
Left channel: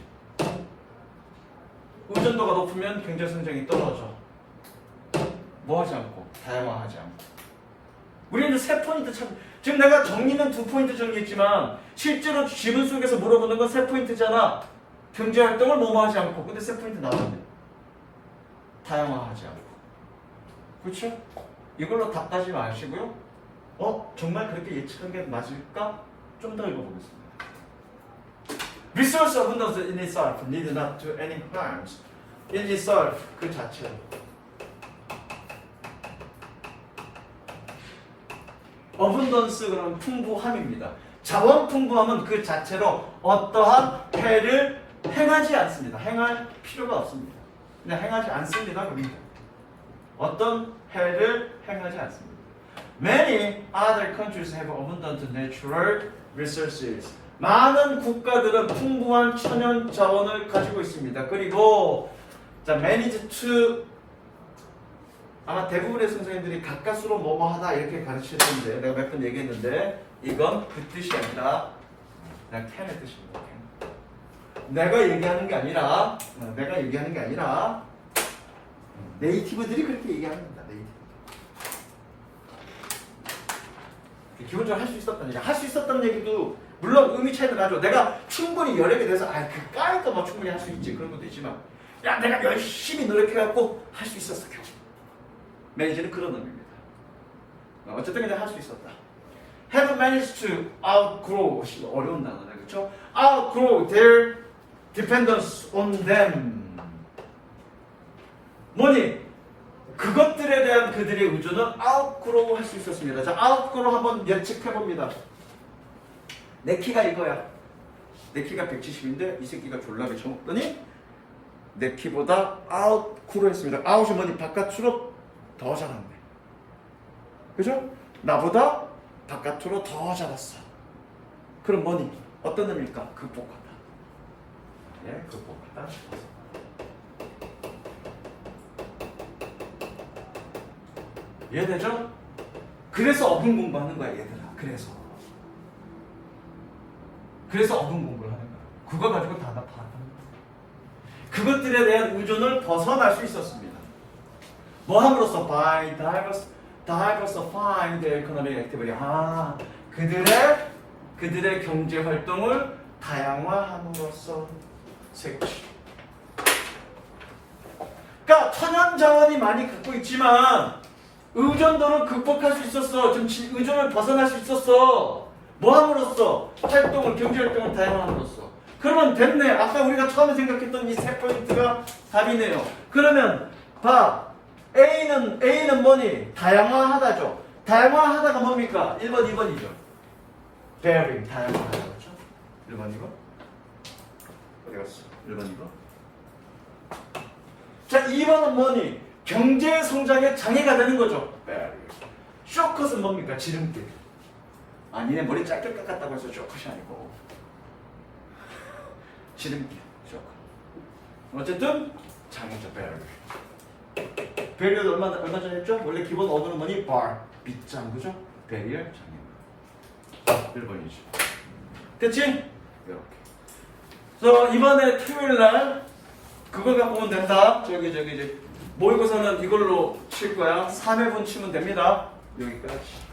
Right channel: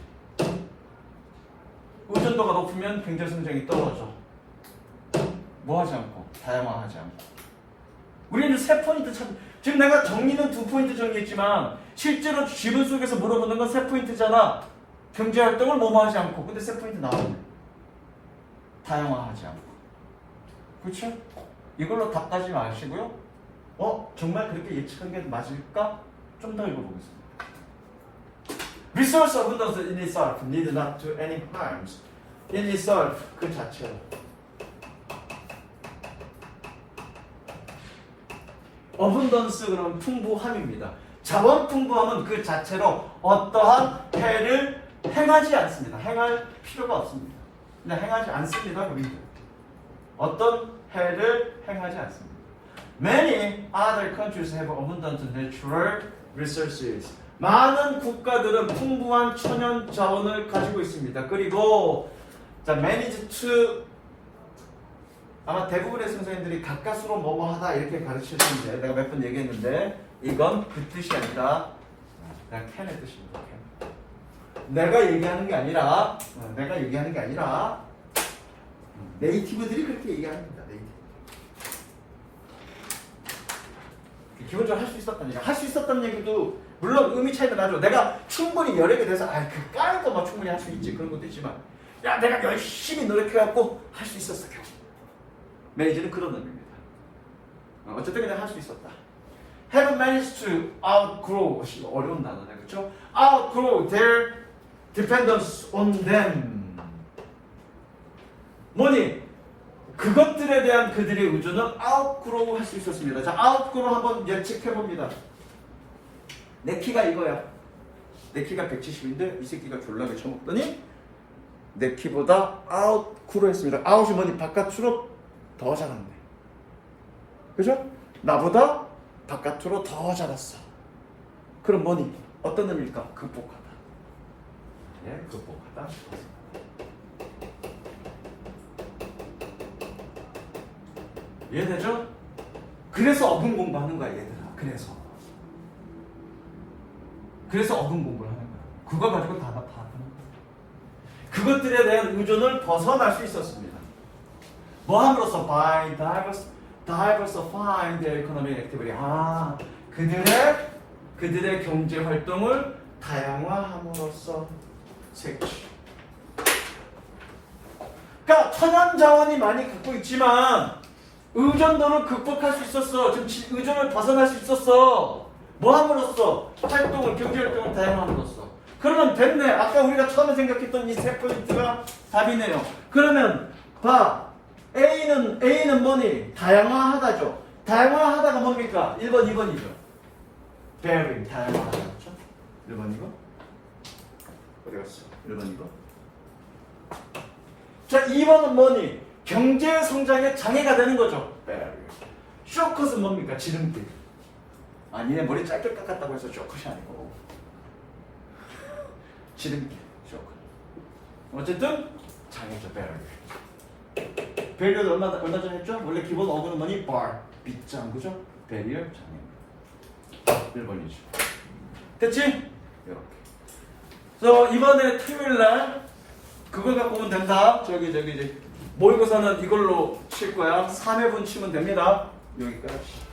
의존도가 높으면 경제 성장이 떨어져. 뭐 하지 않고, 다양화하지 않고. 우리는 3포인트 지금 내가 정리는 2포인트 정리했지만 실제로 지문 속에서 물어보는 건 3포인트잖아. 경제 활동을 뭐뭐 하지 않고. 근데 3포인트 나왔네. 다양화하지 않고. 그렇죠? 이걸로 답 따지 마시고요. 정말 그렇게 예측한 게 맞을까? 좀 더 읽어보겠습니다. Resource abundance in itself need not do any harms. In itself, 그 자체로. abundance 그러면 풍부함입니다. 자원 풍부함은 그 자체로 어떠한 해를 행하지 않습니다. 행할 필요가 없습니다. 근데 행하지 않습니다. 우리 어떤 해를 행하지 않습니다. Many other countries have abundant natural resources. 많은 국가들은 풍부한 천연 자원을 가지고 있습니다. 그리고 manage to 아마 대부분의 선생님들이 가까스로 뭐뭐하다 이렇게 가르치는데 내가 몇 번 얘기했는데 이건 그 뜻이 아니라 그냥 can의 뜻입니다. 내가 얘기하는 게 아니라 네이티브들이 그렇게 얘기하는 겁니다. 네이티브. 기본적으로 할 수 있었다는 얘기. 할 수 있었다는 얘기도 물론 의미 차이가 나죠. 내가 충분히 여력에 대해서 그 까니까 막 충분히 할 수 있지 그런 것도 있지만 야 내가 열심히 노력해갖고 할 수 있었어 겨우. 매니저는 그런 의미입니다. 어쨌든 그냥 할 수 있었다. Have managed to outgrow 어려운 단어네 그렇죠? Outgrow their dependence on them. 뭐니? 그것들에 대한 그들의 의존을 outgrow 할 수 있었습니다. 자, outgrow 한번 예측해봅니다. 내 키가 이거야. 내 키가 170인데 이 새끼가 졸라게 쳐먹더니 내 키보다 outgrow 했습니다. out이 뭐니? 바깥으로 더 자랐네. 그죠? 나보다 바깥으로 더 자랐어. 그럼 뭐니? 어떤 의미일까? 극복하다. 예, 극복하다. 이해되죠? 그래서 어근 공부하는 거야 얘들아. 그래서 어근 공부를 하는 거야. 그거 가지고 다 파악하는 거야. 그것들에 대한 의존을 벗어날 수 있었습니다. 뭐 함으로써? By diversifying their economic activity. 그들의 경제 활동을 다양화함으로써 색치. 그러니까 천연 자원이 많이 갖고 있지만 의존도를 극복할 수 있었어. 지금 의존을 벗어날 수 있었어. 뭐 함으로써? 활동을, 경제 활동을 다양함으로써. 그러면 됐네. 아까 우리가 처음에 생각했던 이 세 포인트가 답이네요. 그러면 봐. A는 뭐니? 다양화하다죠. 다양화하다가 뭡니까? 1번, 2번이죠. Varying, 다양화하다. 그렇죠? 1번, 2번. 어디 갔어? 1번, 2번. 자, 2번은 뭐니? 경제 성장에 장애가 되는 거죠. 쇼컷은 뭡니까? 지름길. 니네 머리 짧게 깎았다고 해서 쇼컷이 아니고 지름길, 쇼컷. 어쨌든 장애죠. 배리어 얼마 전에 했죠? 원래 기본 어근은 뭐니? 빗장, 그죠? 배리어 장애. 1번이지. 됐지? 이렇게. 그래서 이번에 토요일날 그걸 갖고 오면 된다. 저기 모의고사는 이걸로 칠 거야. 3회분 치면 됩니다. 여기까지.